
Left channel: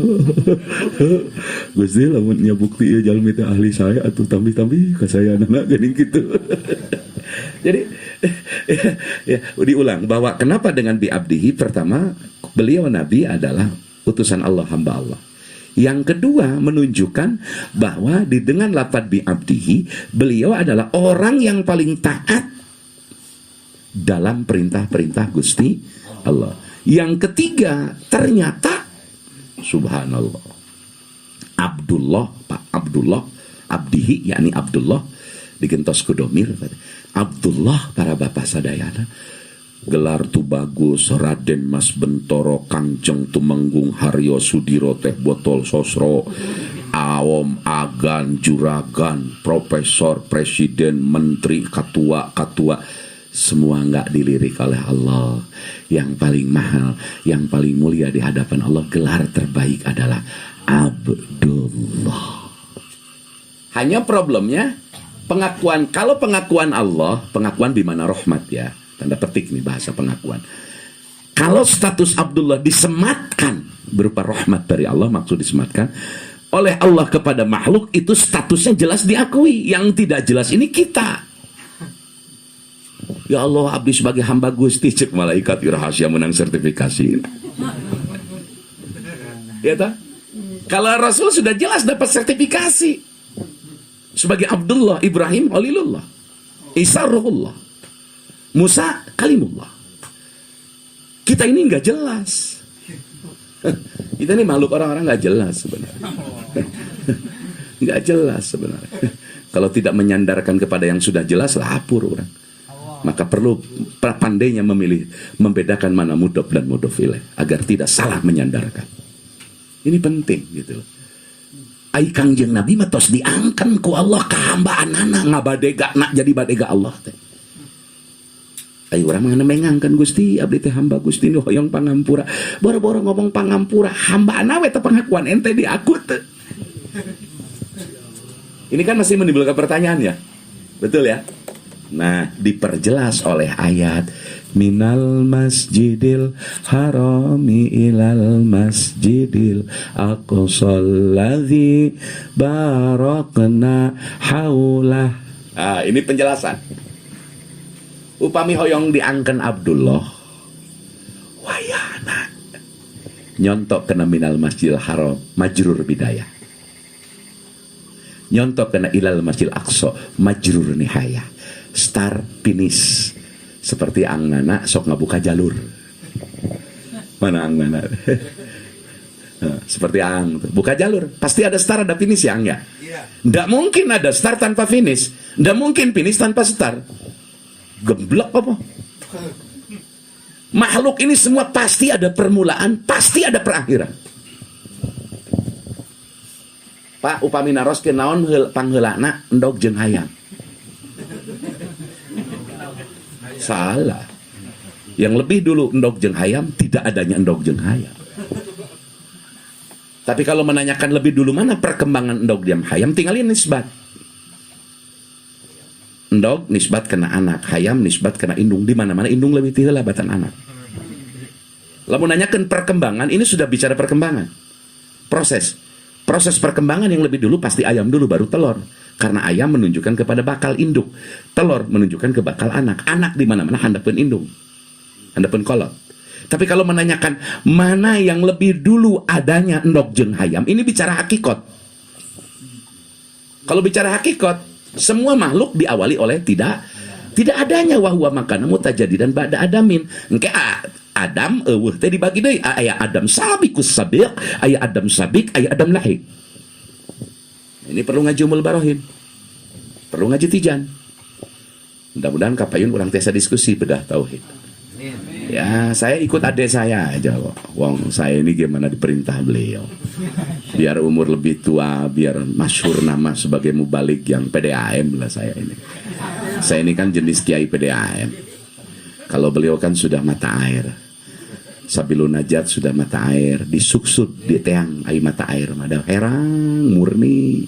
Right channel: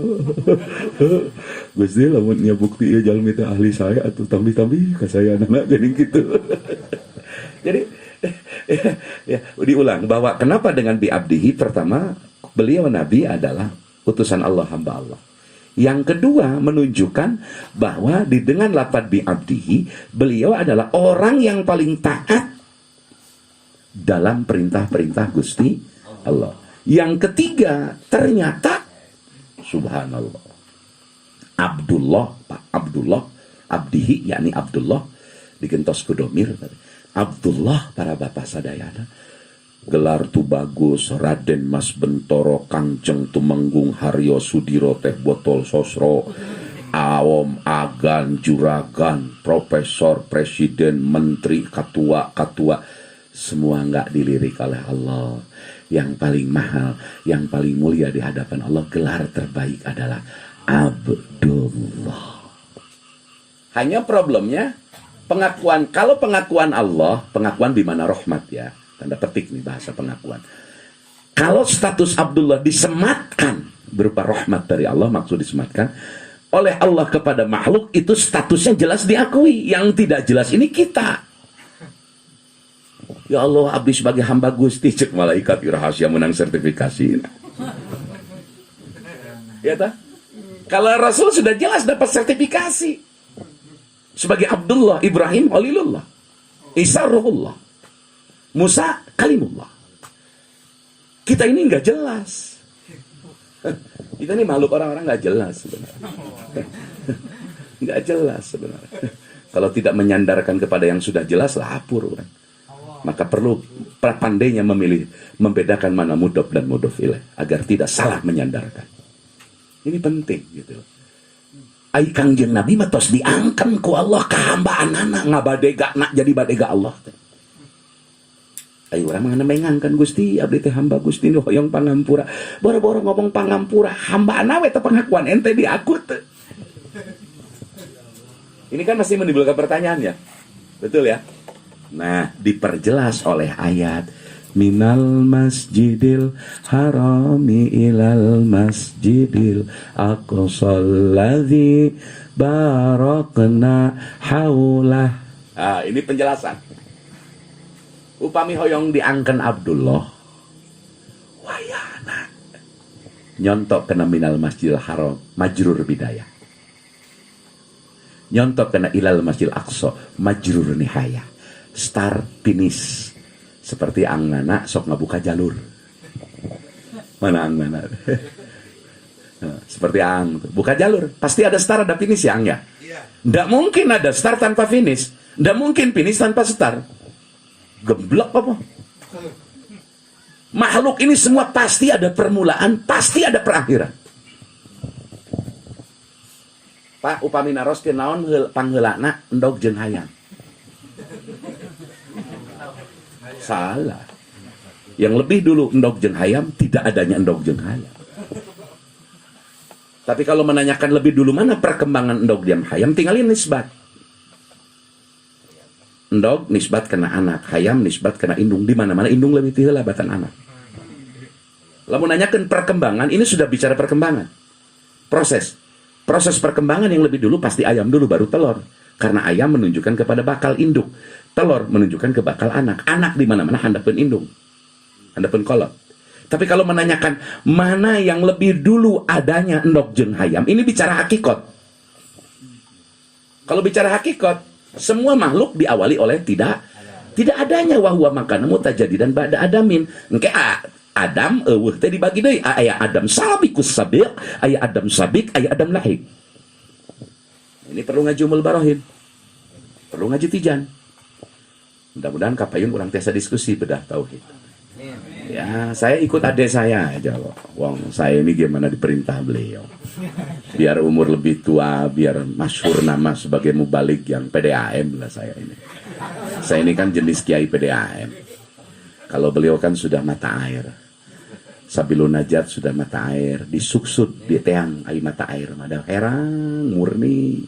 Gusti lamun nya bukti ieu jalmi teh ahli saya atuh tambi-tambi ka saya anak geuning kitu. Jadi ya, diulang bahwa kenapa dengan bi'abdihi, pertama beliau nabi adalah utusan Allah, hamba Allah. Yang kedua menunjukkan bahwa dengan lafaz bi'abdihi beliau adalah orang yang paling taat dalam perintah-perintah Gusti Allah. Yang ketiga ternyata subhanallah Abdullah, Pak Abdullah, abdihi yakni Abdullah digentos ku domir. Abdullah para bapak sadayana gelar tu bagus Raden Mas Bentoro Kangjeng Tumenggung Haryo Sudiro Teh Botol Sosro Awom Agan Juragan Profesor Presiden Menteri Ketua semua nggak dilirik oleh Allah. Yang paling mahal, yang paling mulia di hadapan Allah, gelar terbaik adalah Abdullah. Hanya problemnya pengakuan. Kalau pengakuan Allah, pengakuan di mana rahmat ya, tanda petik nih bahasa pengakuan. Kalau status Abdullah disematkan berupa rahmat dari Allah, maksud disematkan oleh Allah kepada makhluk, itu statusnya jelas diakui. Yang tidak jelas ini kita. Ya Allah, abdi sebagai hamba Gusti, cek malaikat rahasia menang sertifikasi. Ya tak? Kalau Rasul sudah jelas dapat sertifikasi sebagai Abdullah, Ibrahim Khalilullah, Isa Ruhullah, Musa Kalimullah. Kita ini nggak jelas. Kita ini makhluk orang-orang nggak jelas sebenarnya. Nggak jelas sebenarnya. Kalau tidak menyandarkan kepada yang sudah jelas, lapur orang. Maka perlu pandainya membedakan mana mudhof dan mudhof ilaih agar tidak salah menyandarkan. Ini penting gitu. Ai Kangjeng Nabi mah tos diangken ku Allah ka hambaanana ngabadega nak jadi badega Allah teh. Ai urang mah mengangkan Gusti abdi teh hamba Gusti nu hoyong pangampura. Boro-boro ngomong pangampura, hambaana we teh pengakuan ente di aku teh. Ini kan masih menimbulkan pertanyaan ya. Betul ya? Nah, diperjelas oleh ayat minal masjidil harami ilal masjidil aqsal ladzi barakna haulah. Nah, ini penjelasan. Upami hoyong diangken Abdullah wayana nyontok kena minal masjidil haram majrur bidayah. Nyontok kena ilal masjidil aqsa majrur nihayah. Start finish seperti angnana sok ngabuka jalur. Mana angnana? Seperti ang buka jalur pasti ada start ada finish ya ang ya. Nggak mungkin ada start tanpa finish, nggak mungkin finish tanpa start. Geblok apa? Makhluk ini semua pasti ada permulaan, pasti ada perakhiran. Pak upami naros ke naon pangheulana endog jeung hayam. Salah. Yang lebih dulu endog jeung hayam, tidak adanya endog jeung hayam. Tapi kalau menanyakan lebih dulu mana perkembangan endog jeung hayam, tinggalin nisbat. Endog nisbat kena anak, hayam nisbat kena indung. Di mana-mana indung lebih tiheula batan anak. Lamun nanyakeun perkembangan, ini sudah bicara perkembangan. Proses perkembangan yang lebih dulu pasti ayam dulu baru telur. Karena ayam menunjukkan kepada bakal induk. Telur menunjukkan ke bakal anak. Anak di mana-mana handapun indung. Handapun kolot. Tapi kalau menanyakan mana yang lebih dulu adanya endog jeung hayam, ini bicara hakikat. Kalau bicara hakikat, semua makhluk diawali oleh tidak adanya wahwa makana mutajadidan ba'da adamin. Engke Adam eueuh teh dibagi deui, aya Adam sabiqus sabiq, aya Adam sabiq, aya Adam lahiq. Ini perlu ngaji umul barohin. Perlu ngaji tijan. Mudah-mudahan kapayun urang tiasa diskusi bedah tauhid. Ya, saya ikut adik saya aja. Wong saya ini gimana diperintah beliau. Biar umur lebih tua, biar masyhur nama sebagai mubalik yang PDAM lah saya ini. Saya ini kan jenis kiai PDAM. Kalau beliau kan sudah mata air. Sabilun najat sudah mata air, disuksud di teang ai mata air, ada herang murni.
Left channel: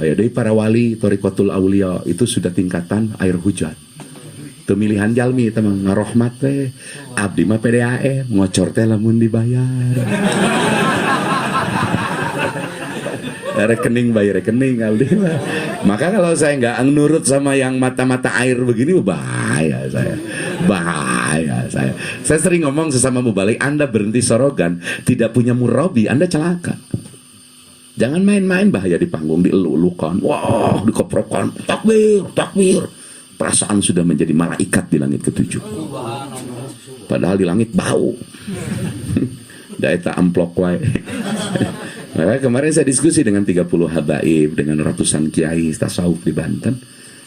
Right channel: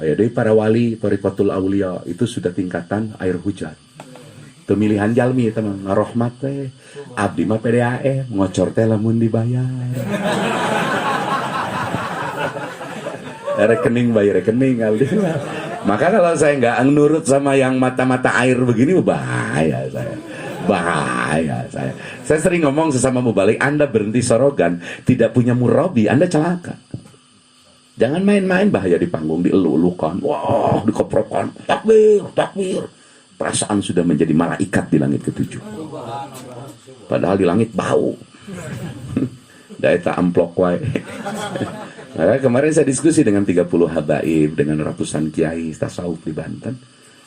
Kayak dari para wali Thariqatul Aulia itu sudah tingkatan air hujan. Pemilihan jalmi teman ngarohmat teh abdi mah PDAM ngocor teh lamun dibayar. Rekening bayar rekening abdi. Maka kalau saya nggak nurut sama yang mata-mata air begini bahaya saya. Saya sering ngomong sesama mubalik, Anda berhenti sorogan, tidak punya murabi, Anda celaka. Jangan main-main, bahaya di panggung, dielu-elukan, wah, dikoprokan, takbir. Perasaan sudah menjadi malaikat di langit ketujuh. Padahal di langit bau. Daeta amplok wae. Nah, kemarin saya diskusi dengan 30 habaib, dengan ratusan kiai tasawuf di Banten.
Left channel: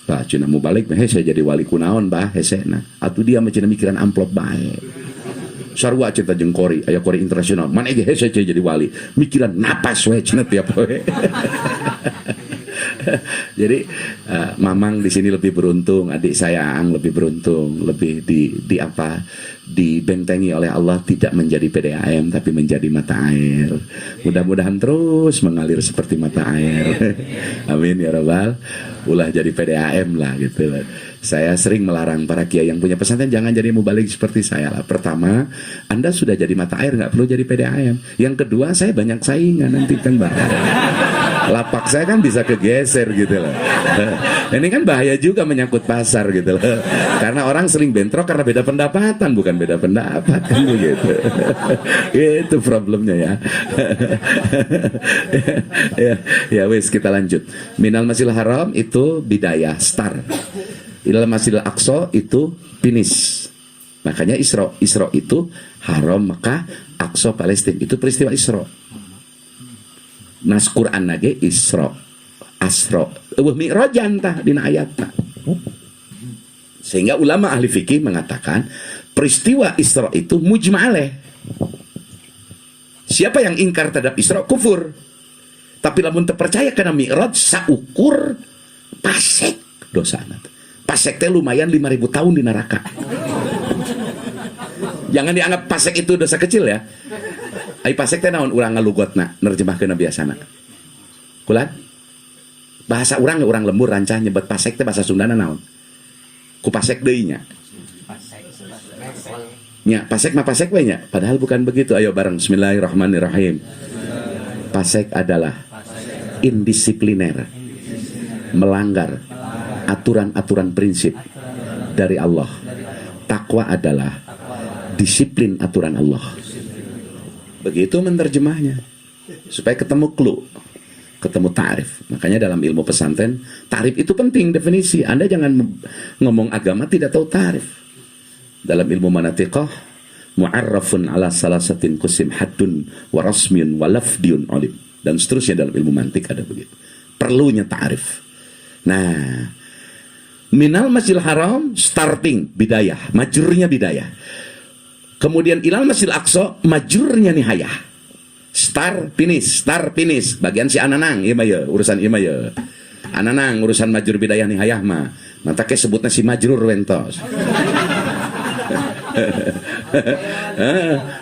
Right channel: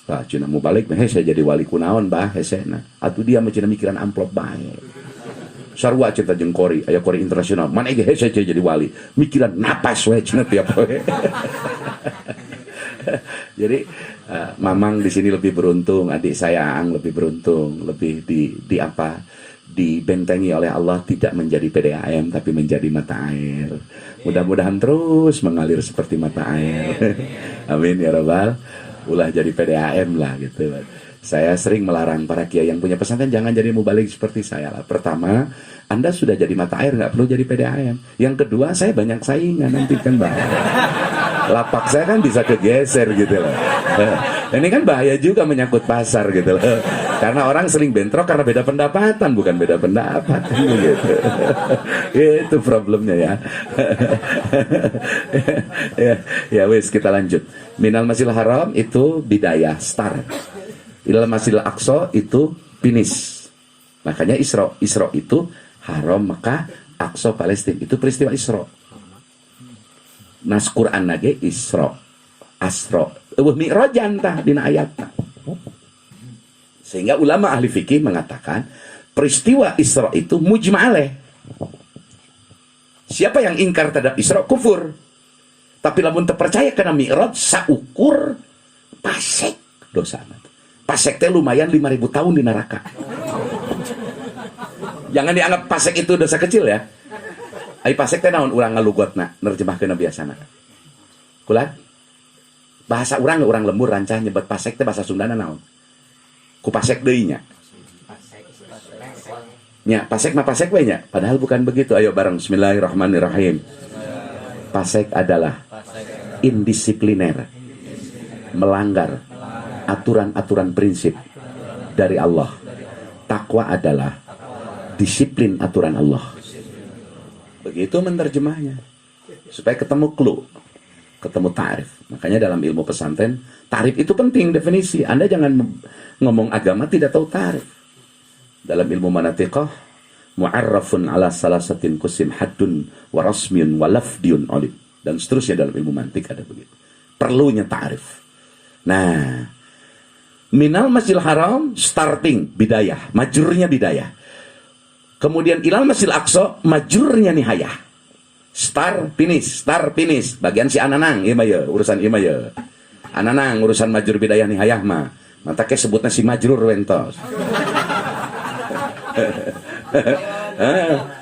Lah cina mubalik saya jadi wali kunaon bah hesena. Atuh dia mah cina mikiran amplop bae. Sarua cinta jeung kori, aya kori internasional. Mana ge hese jadi wali. Mikiran napas we cenah tiap we. Jadi Mamang di sini lebih beruntung, adik saya Ang lebih beruntung, lebih dibentengi oleh Allah, tidak menjadi PDAM tapi menjadi mata air. Mudah-mudahan terus mengalir seperti mata air. Amin ya rabbal. Ulah jadi PDAM lah gitu. Saya sering melarang para kiai yang punya pesantren jangan jadi mubalik seperti saya lah. Pertama, Anda sudah jadi mata air, nggak perlu jadi PDAM. Yang kedua, saya banyak saingan nanti kan bahaya. Lapak saya kan bisa kegeser gitu loh. Ini kan bahaya juga menyangkut pasar gitu loh. Karena orang sering bentrok karena beda pendapatan, bukan beda pendapat kan begitu. Itu problemnya ya. Ya wis kita lanjut. Minal Masjidil Haram itu bidayah start. Ilal Masjidil Aqsa itu finish. Makanya Isra itu Haram Mekah, Aqsa Palestina. Itu peristiwa Isra. Nas Quran nage Isra, Asra, Mi'rajan tah dina ayatna. Sehingga ulama ahli fikih mengatakan peristiwa Isra itu mujma'aleh. Siapa yang ingkar terhadap Isra kufur. Tapi lamun terpercaya karena Mi'raj saukur pasek dosa. Pasek teh lumayan 5.000 tahun di neraka. Jangan dianggap pasek itu dosa kecil ya. Ai pasek teh naon urang ngalugotna nerjemahkeun biasana. Kulat bahasa urang lembur rancah nyebut pasek teh bahasa Sundana naon? Ku pasek deui nya. Nya pasek mah pasek we nya, padahal bukan begitu. Ayo bareng bismillahirrahmanirrahim. Pasek adalah indisipliner, melanggar aturan-aturan prinsip dari Allah. Takwa adalah disiplin aturan Allah. Begitu menerjemahnya supaya ketemu clue, ketemu ta'rif. Makanya dalam ilmu pesantren ta'rif itu penting, definisi. Anda jangan ngomong agama tidak tahu ta'rif. Dalam ilmu manatiqah mu'arrafun ala salasatin kusim haddun wa rasmiyun wa lafdiyun olim, dan seterusnya. Dalam ilmu mantik ada begitu, perlunya ta'rif. Nah, minal Masjidil Haram starting bidayah, majrurnya bidayah. Kemudian ilal Masjidil Aqsa majrurnya nihayah. Star finish. Bagian si Ananang ieu mah ye, urusan ieu mah ye. Ananang urusan majrur bidayah nihayah mah. Mata ke sebutna si majrur lentos.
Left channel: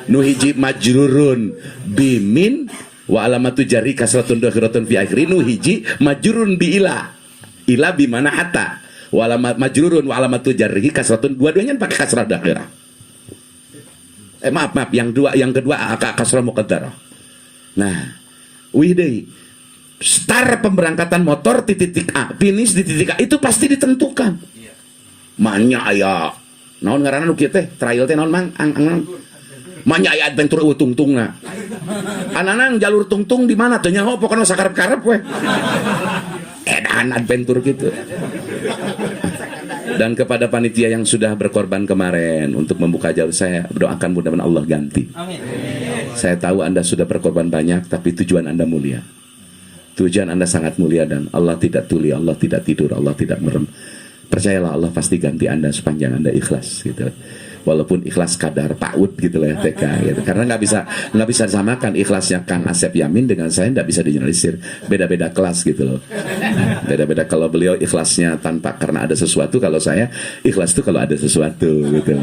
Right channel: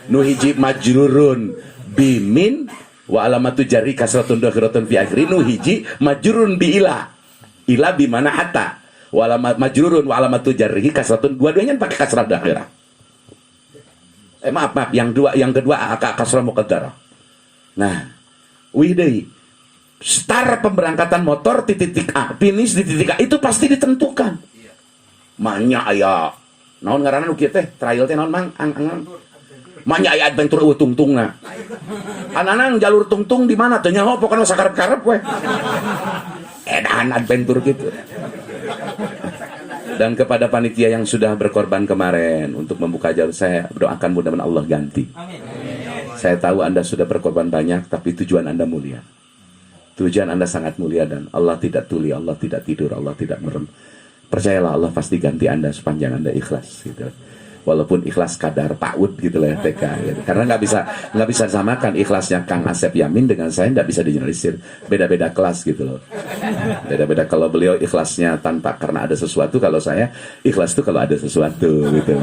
Nu hiji majrurun bimin wa alamatu jarri kasratun dakhiratun fi akhiri. Nu hiji majrurun bi ila. Ila bi mana hatta. Walamat majrurun wa alamatu jarrihi kasratun, dua-duanya pakai kasrah dakhirah. Maaf, yang kedua kasrah muqaddarah. Nah, widai start pemberangkatan motor di titik A, finish di titik A itu pasti ditentukan. Manya aya naon ngaranna nu kieu teh trial teh naon mang manya aya adventure tungtungna. Ananang jalur tungtung di mana teh nyaho pokona sakarep-karep we. Edan adventure gitu. Dan kepada panitia yang sudah berkorban kemarin untuk membuka jalur, saya doakan mudah-mudahan Allah ganti. Amin. Saya tahu Anda sudah berkorban banyak, tapi tujuan Anda mulia. Tujuan Anda sangat mulia dan Allah tidak tuli, Allah tidak tidur, Allah tidak merem. Percayalah Allah pasti ganti Anda sepanjang Anda ikhlas gitu. Walaupun ikhlas kadar PAUD gitu lah ya TK gitu. Karena nggak bisa disamakan ikhlasnya Kang Asep Yamin dengan saya, nggak bisa digeneralisir, beda-beda kelas gitu loh. Beda-beda, kalau beliau ikhlasnya tanpa karena ada sesuatu, kalau saya ikhlas tuh kalau ada sesuatu gitu.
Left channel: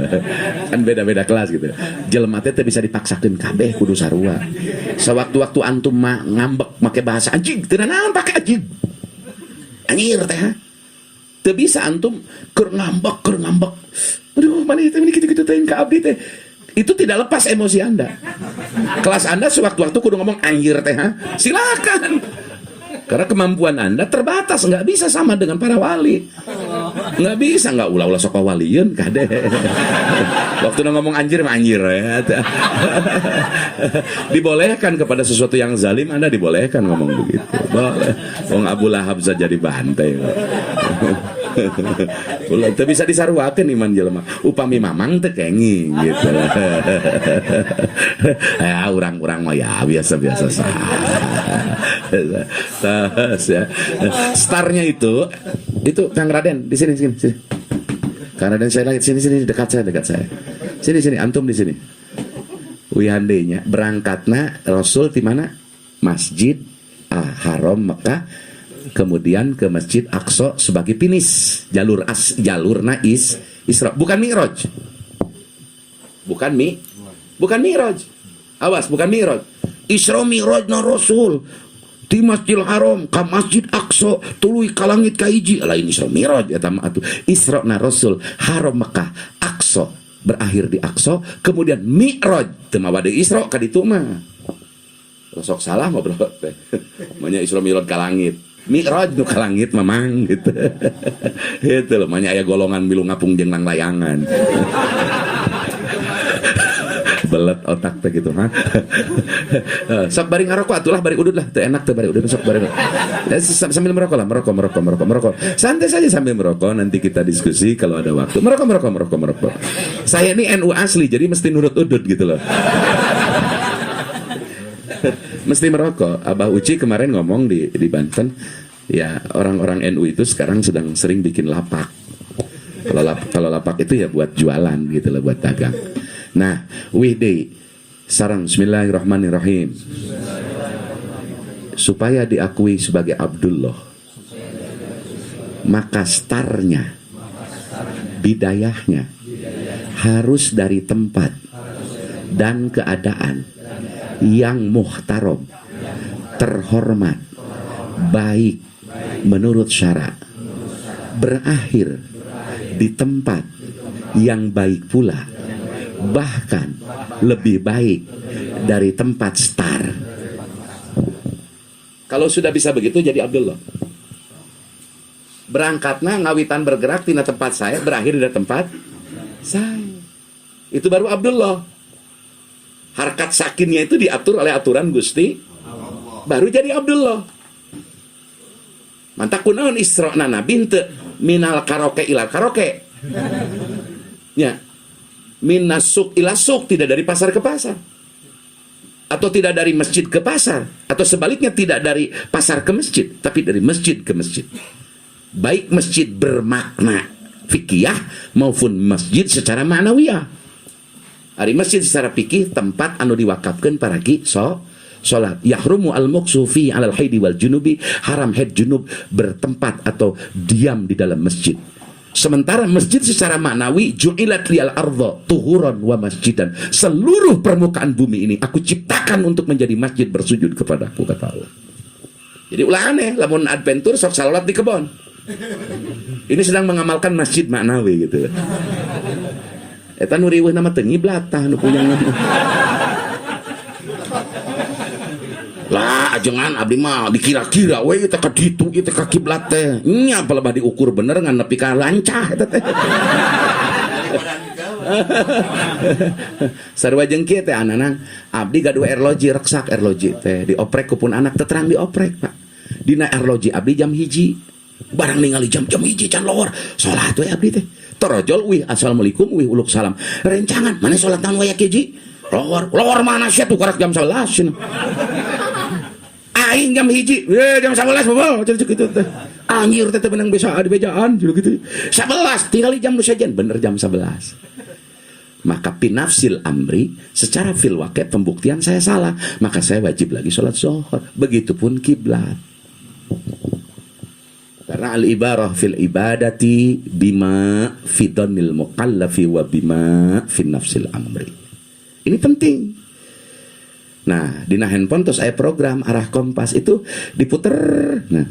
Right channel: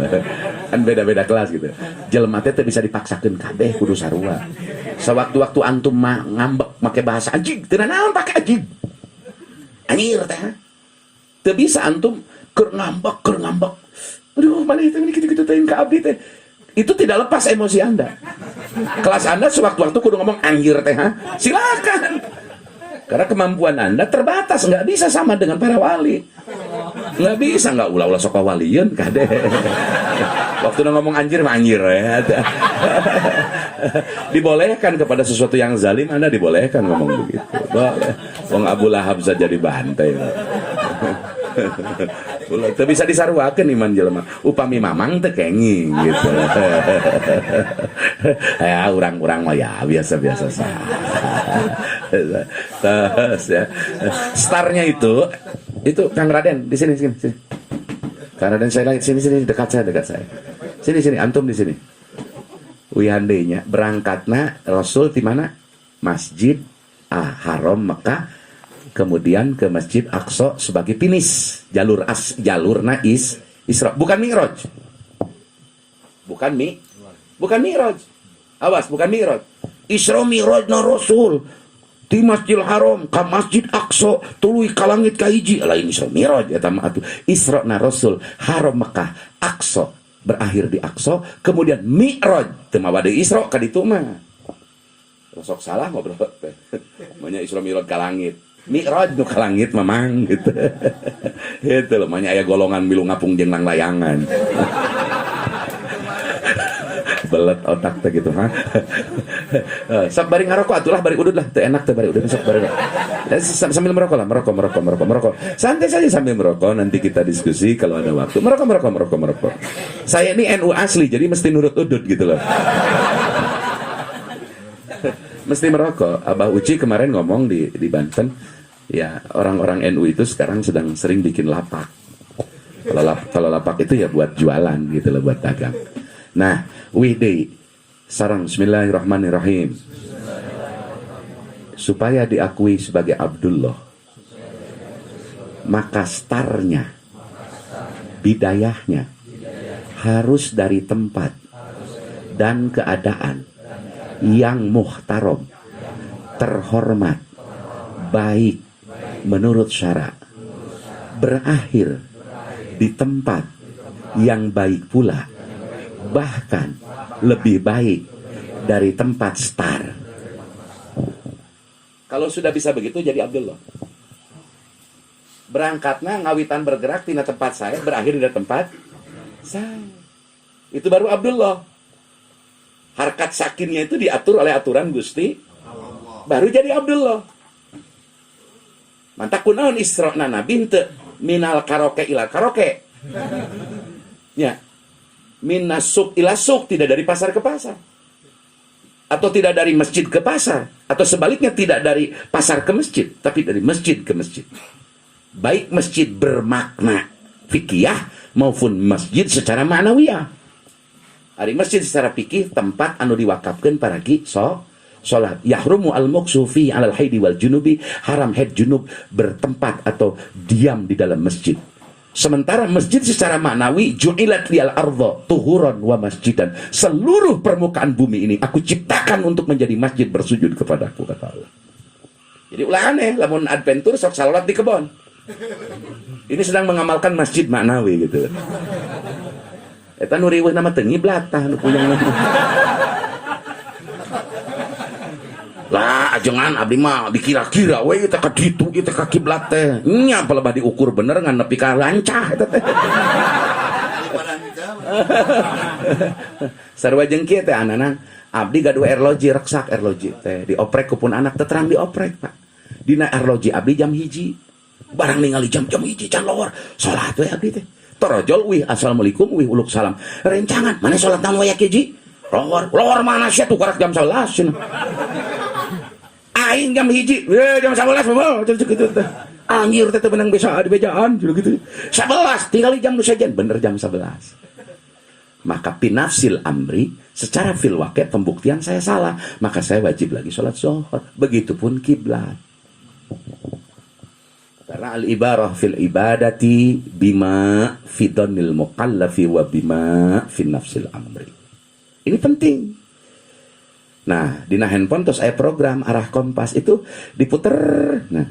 Kan beda-beda kelas gitu. Jelema teh bisa dipaksakeun kabeh kudu sarua. Sewaktu-waktu antum ngambek make bahasa anjing, teu naon pake anjing. Anjir teh. Teu bisa antum keur ngambek. Aduh, mana itu gitu-gitu teh ka abdi teh. Itu tidak lepas emosi Anda. Kelas Anda sewaktu-waktu kudu ngomong anjir teh, silakan. Karena kemampuan Anda terbatas, nggak bisa sama dengan para wali. Nggak bisa, nggak ulah-ulah sok walieun kade. Waktu udah ngomong anjir mah anjir ya. Dibolehkan kepada sesuatu yang zalim, Anda dibolehkan ngomong begitu. Boleh. Wong Abu Lahab saja dibantai. Itu bisa disaruakeun iman jelema. Upami mamang teh kenging gitu. Ya urang-urang mah ya biasa-biasa saja. Ya. Starnya itu Kang Raden di sini. Kang Raden saya lagi sini dekat saya. Sini antum di sini. Wihandenya berangkatna Rasul di mana? Masjid Haram Mekah. Kemudian ke Masjid Aqsa sebagai finish jalur Isra, bukan Mi'raj. Bukan Mi'raj. Awas, bukan Mi'raj. Isra Mi'raj na Rasul di Masjidil Haram ka Masjid Aqsa tuluy ka langit ka hiji lain Isra Mi'raj eta mah atuh. Isra na Rasul Haram Mekah Aqsa berakhir di Aqsa, kemudian Mi'raj teu mah bade Isra ka ditu mah. Sok salah mah bro. Manya Isra Mi'raj ka langit. Mi'raj nu ka langit memang gitu. Itu loh, manya aya golongan milu ngapung jeung nang layangan. Belet otak teh gitu, ha. Sok bari ngarokok atulah bari udud lah, teu enak teh bari udud sok bari. Ya, sambil merokok. Santai saja sambil merokok, nanti kita diskusi kalau ada waktu. Merokok. Saya ini NU asli, jadi mesti nurut udud gitu loh. Mesti merokok. Abah Uci kemarin ngomong di Banten, ya orang-orang NU itu sekarang sedang sering bikin lapak. Kalau lapak itu ya buat jualan gitu loh, buat dagang. Nah, wihdi sarang bismillahirrahmanirrahim. Supaya diakui sebagai Abdullah, maka startnya, bidayahnya harus dari tempat dan keadaan yang muhtaram, terhormat, baik menurut syara, berakhir di tempat yang baik pula, bahkan lebih baik dari tempat start. Kalau sudah bisa begitu jadi Abdullah. Berangkatnya ngawitan bergerak tina tempat saya, berakhir di tempat saya. Itu baru Abdullah. Harkat sakinnya itu diatur oleh aturan Gusti, baru jadi Abdullah. Mantap kunaon Isra na nabi teu minal karaoke ilal karaoke. Ya. Minasuk ila suk, tidak dari pasar ke pasar. Atau tidak dari masjid ke pasar, atau sebaliknya tidak dari pasar ke masjid, tapi dari masjid ke masjid. Baik masjid bermakna fikih maupun masjid secara ma'nawiyah. Ari masjid secara fikih tempat anu diwakafkeun paragi salat. Yahrumu al-muqsu fi 'alal haidi wal junubi, haram haid junub bertempat atau diam di dalam masjid. Sementara masjid secara maknawi ju'ilat liyal ardha tuhuran wa masjidan. Seluruh permukaan bumi ini aku ciptakan untuk menjadi masjid bersujud kepadaku, kata Allah. Jadi ulah aneh lamun adventure sok salat di kebon. Ini sedang mengamalkan masjid maknawi gitu. Eta nu riweuh nama teu ngiblat tah nu puyeng nu. Lah ajengan abdi mah dikira-kira we teh ka ditu ieu teh ka kiblat teh. Nya palebah diukur bener ngan nepi ka lancah eta teh. Sarua jeung kieu teh ananan abdi gaduh erloji reksak erloji teh dioprek ku pun anak teh terang dioprek Pak. Dina erloji abdi jam 1. Barang ningali jam 1 can lowor salat we abdi teh. Torojol wih assalamualaikum wih uluk salam. Rencangan mana salat naon we hiji? Lowor mana sia tuh karak jam 11. Aing jam 1, jam 11 moal gitu teh. Anjir teh benang besa di bejaan gitu. 11 tinggal jam nu sajen bener jam 11. Maka pinafsil amri secara fil waqi' pembuktian saya salah, maka saya wajib lagi sholat zuhur. Begitupun kiblat. Karena al-ibarah fil ibadati bima fi dhanil mukallafi wa bima fi nafsil amri. Ini penting. Nah, di handphone terus saya program arah kompas itu diputer. Nah,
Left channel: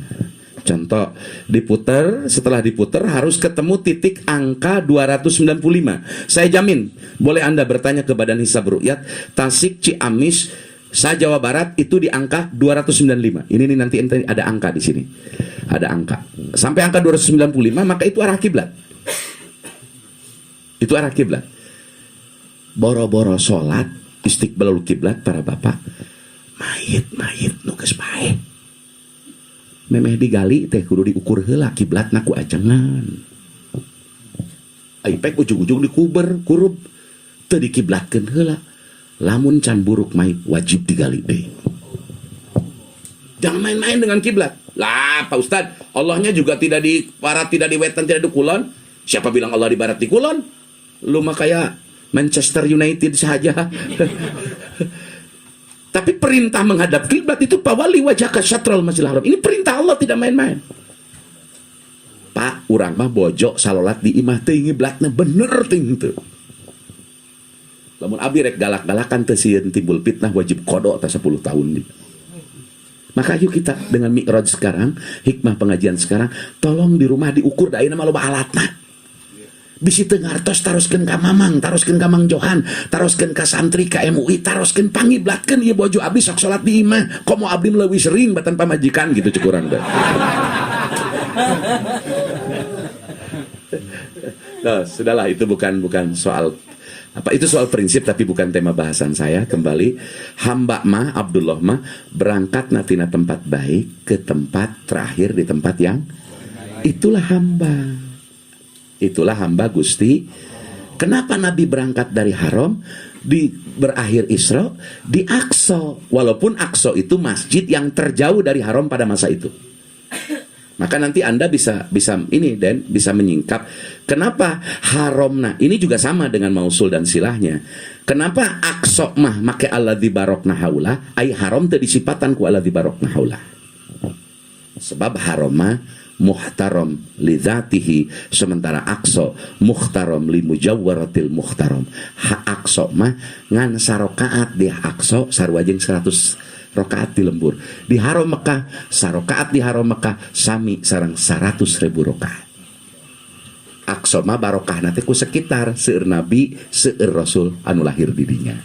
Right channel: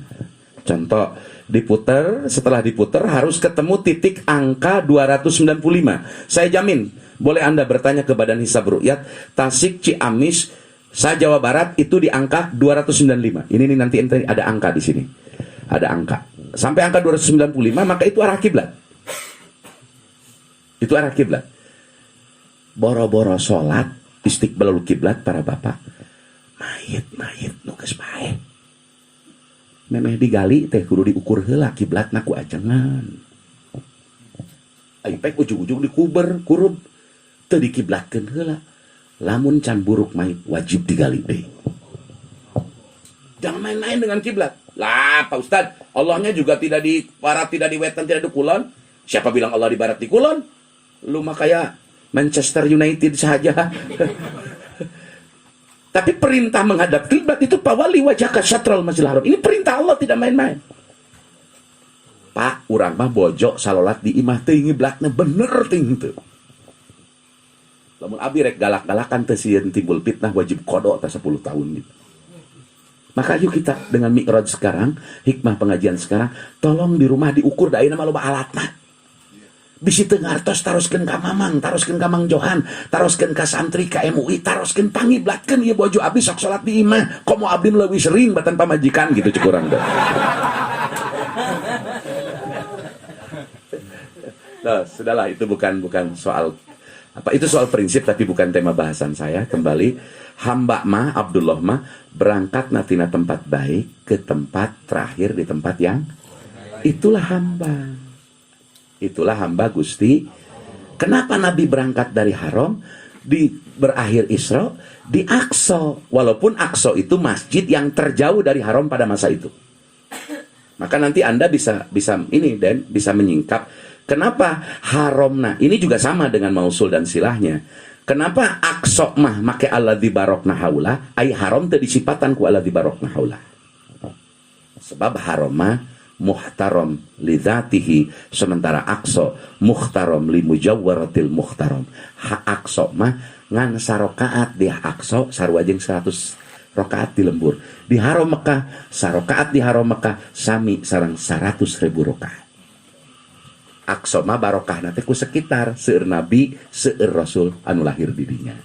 contoh diputer, setelah diputer harus ketemu titik angka 295. Saya jamin, boleh Anda bertanya ke Badan Hisab Ru'yat, Tasik, Ciamis, Jawa Barat itu di angka 295. Ini nih nanti ada angka di sini. Ada angka. Sampai angka 295 maka itu arah kiblat. Itu arah kiblat. Boro-boro salat istiqbalul kiblat para bapak. Mayit nu geus bae. Memeh digali teh kudu diukur heula kiblatna ku ajengan. Ai pek ujung-ujung dikuber kurub teu dikiblatkeun heula. Lamun can buruk mayit wajib digali deui. Jangan main-main dengan kiblat. Lah Pak Ustad, Allahnya juga tidak di barat, tidak di wetan, tidak di kulon. Siapa bilang Allah di barat di kulon? Lu mah kayak Manchester United saja. Tapi perintah menghadap kiblat itu pawali wajhaka syatral masjidil haram. Ini perintah Allah, tidak main-main. Pak, urang mah bojo salolat di imah teh ngiblatna bener ting teu. Lamun abdi rek galak-galakan teh sieun timbul fitnah wajib qada ta 10 tahun nih. Maka yuk kita dengan mi'raj sekarang, hikmah pengajian sekarang, tolong di rumah diukur da ayeuna mah loba alatna. Bisi teu ngartos taroskeun ka mamang, taroskeun ka Mang Johan, taroskeun ka santri ka MUI, taroskeun pangiblatkeun ieu bojo abdi sok salat di imah. Komo abdi leuwih sering batan pamajikan gitu cek urang teh. Nah, sudahlah itu bukan soal apa, itu soal prinsip tapi bukan tema bahasan saya. Kembali, hamba mah Abdullah mah berangkat natina tempat baik ke tempat terakhir di tempat yang itulah hamba. Itulah hamba Gusti. Kenapa Nabi berangkat dari Haram berakhir Isra di Aqsa, walaupun Aqsa itu masjid yang terjauh dari Haram pada masa itu. Maka nanti Anda bisa ini dan bisa menyingkap kenapa Haram. Nah, ini juga sama dengan mausul dan silahnya. Kenapa Aqsa mah make alladzi barokna haula, ai Haram teu disipatan ku alladzi barokna haula. Sebab Haram mah muhtaram li dzatihi, sementara Aqsa muhtaram li mujawwaratil muhtaram. Aqsa mah ngan sarokaat di Aqsa sarua jeung 100 rakaat di lembur. Di Haram Mekah sarokaat di Haram Mekah sami sareng 100.000 rakaat. Aqsa mah barokahna teh ku sekitar seueur nabi seueur rasul anu lahir di dinya.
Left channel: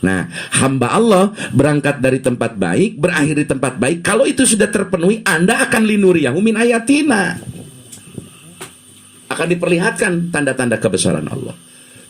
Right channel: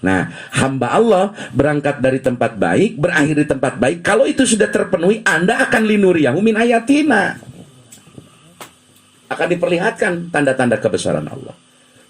Nah, hamba Allah berangkat dari tempat baik, berakhir di tempat baik. Kalau itu sudah terpenuhi, Anda akan linuriyahu min ayatina. Akan diperlihatkan tanda-tanda kebesaran Allah.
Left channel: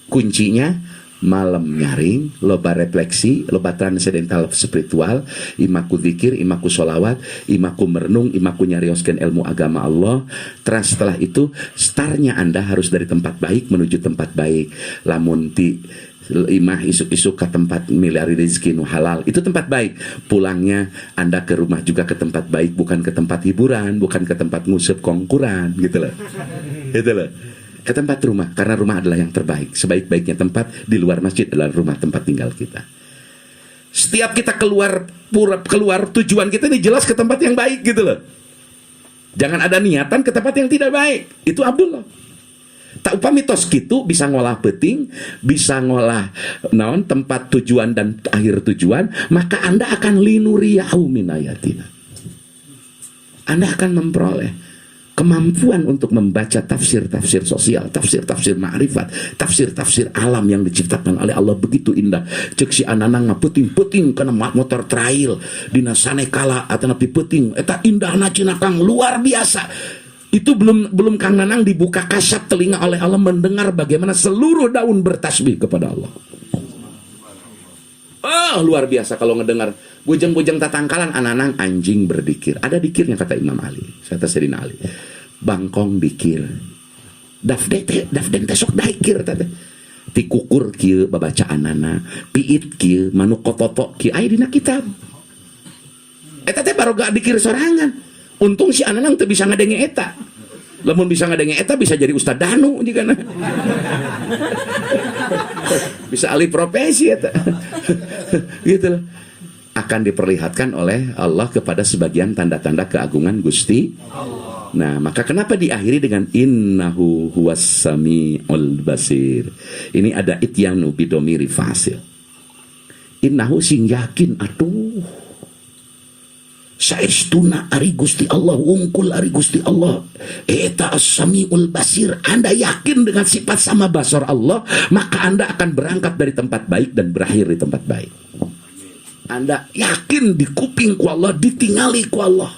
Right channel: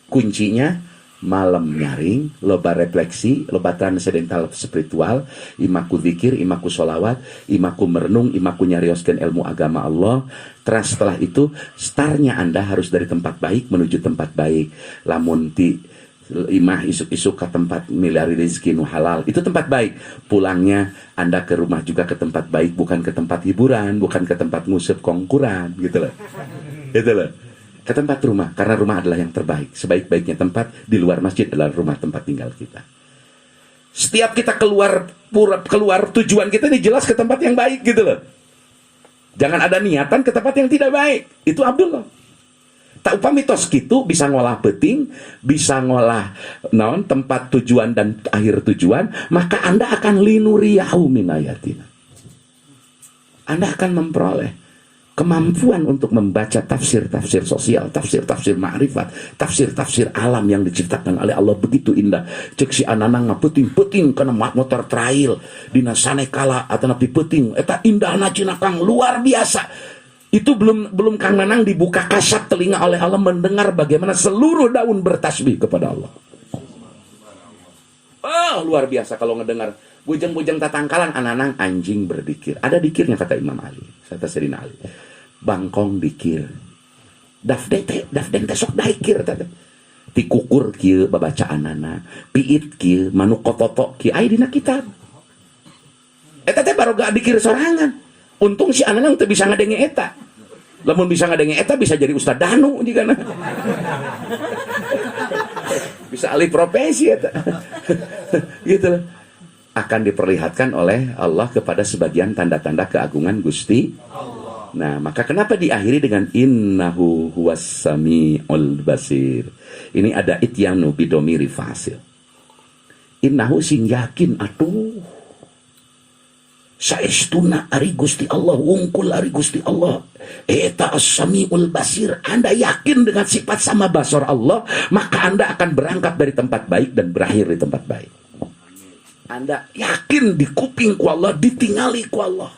Kuncinya malam nyaring, loba refleksi, loba transendental spiritual, imaku zikir, imaku sholawat, imaku merenung, imaku nyarioskeun ilmu agama Allah. Terus setelah itu, startnya Anda harus dari tempat baik menuju tempat baik. Lamun ti imah isuk-isuk ke tempat miliari rezeki nu halal, itu tempat baik. Pulangnya Anda ke rumah juga ke tempat baik, bukan ke tempat hiburan, bukan ke tempat ngusep kongkuran gitu loh. Gitu loh. Ke tempat rumah, karena rumah adalah yang terbaik. Sebaik-baiknya tempat di luar masjid adalah rumah tempat tinggal kita. Setiap kita keluar tujuan kita ini jelas ke tempat yang baik gitu loh. Jangan ada niatan ke tempat yang tidak baik. Itu Abdullah. Tak upami tos kitu bisa ngolah peting, bisa ngolah naon tempat tujuan dan akhir tujuan, maka Anda akan linuriyahu min ayatina. Anda akan memperoleh kemampuan untuk membaca tafsir-tafsir sosial, tafsir-tafsir ma'rifat, tafsir-tafsir alam yang diciptakan oleh Allah begitu indah. Cek si anana ngaputing-puting kana motor trail dina sanekala atau napi puting eta indahna cina Kang luar biasa. Itu belum Kang Nanang dibuka kasat telinga oleh Allah mendengar bagaimana seluruh daun bertasbih kepada Allah. Luar biasa kalau ngedengar bujang-bujang tatangkalan ananang anjing berdikir. Ada dikirnya kata Imam Ali, kata Sayyidina Ali. Bangkong dikir. Dafden teh sok daikir teh. Ti kukur kieu babacaanana, piit kieu, manuk kototo kieu aya dina kitab. Eta teh baroga dikir sorangan. Untung si ananang teu bisa ngadenge eta. Lamun bisa ngadenge eta bisa jadi Ustad Danu jigana. Bisa alih profesi ya gitu akan diperlihatkan oleh Allah kepada sebagian tanda-tanda keagungan Gusti Allah. Nah maka kenapa diakhiri dengan innahu huwas samiul basir. Ini ada ityanu bidomiri fasil. Innahu sing yakin atuh saestuna ari Gusti Allah wungkul ari Gusti Allah eta as-samiul basir. Anda yakin dengan sifat sama basar Allah, maka Anda akan berangkat dari tempat baik dan berakhir di tempat baik. Anda yakin di kuping ku Allah, ditingali ku Allah.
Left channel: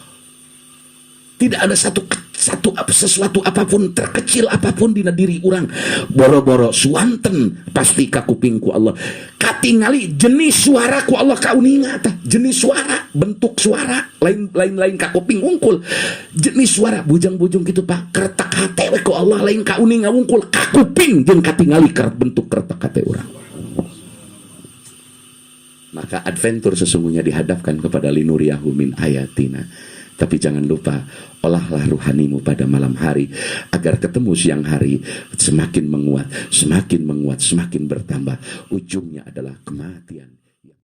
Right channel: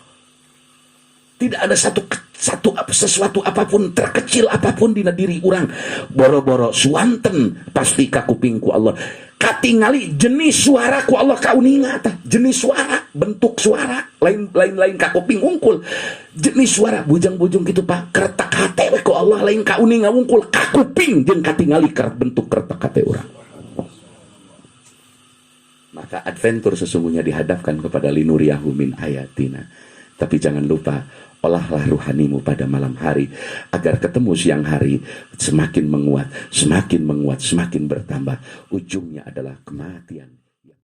Tidak ada sesuatu apapun terkecil apapun dina diri orang boro-boro suanten pasti ka kuping ku Allah. Katingali jenis suara ku Allah kauninga tah. Jenis suara, bentuk suara lain ka kuping ungkul. Jenis suara bujang-bujung gitu Pak. Keretak hate we ku Allah lain kauninga ungkul ka kuping jeung katingali bentuk keretak hate urang. Maka adventure sesungguhnya dihadapkan kepada linuriyahu min ayatina. Tapi jangan lupa, olahlah ruhanimu pada malam hari agar ketemu siang hari semakin menguat, semakin bertambah. Ujungnya adalah kematian.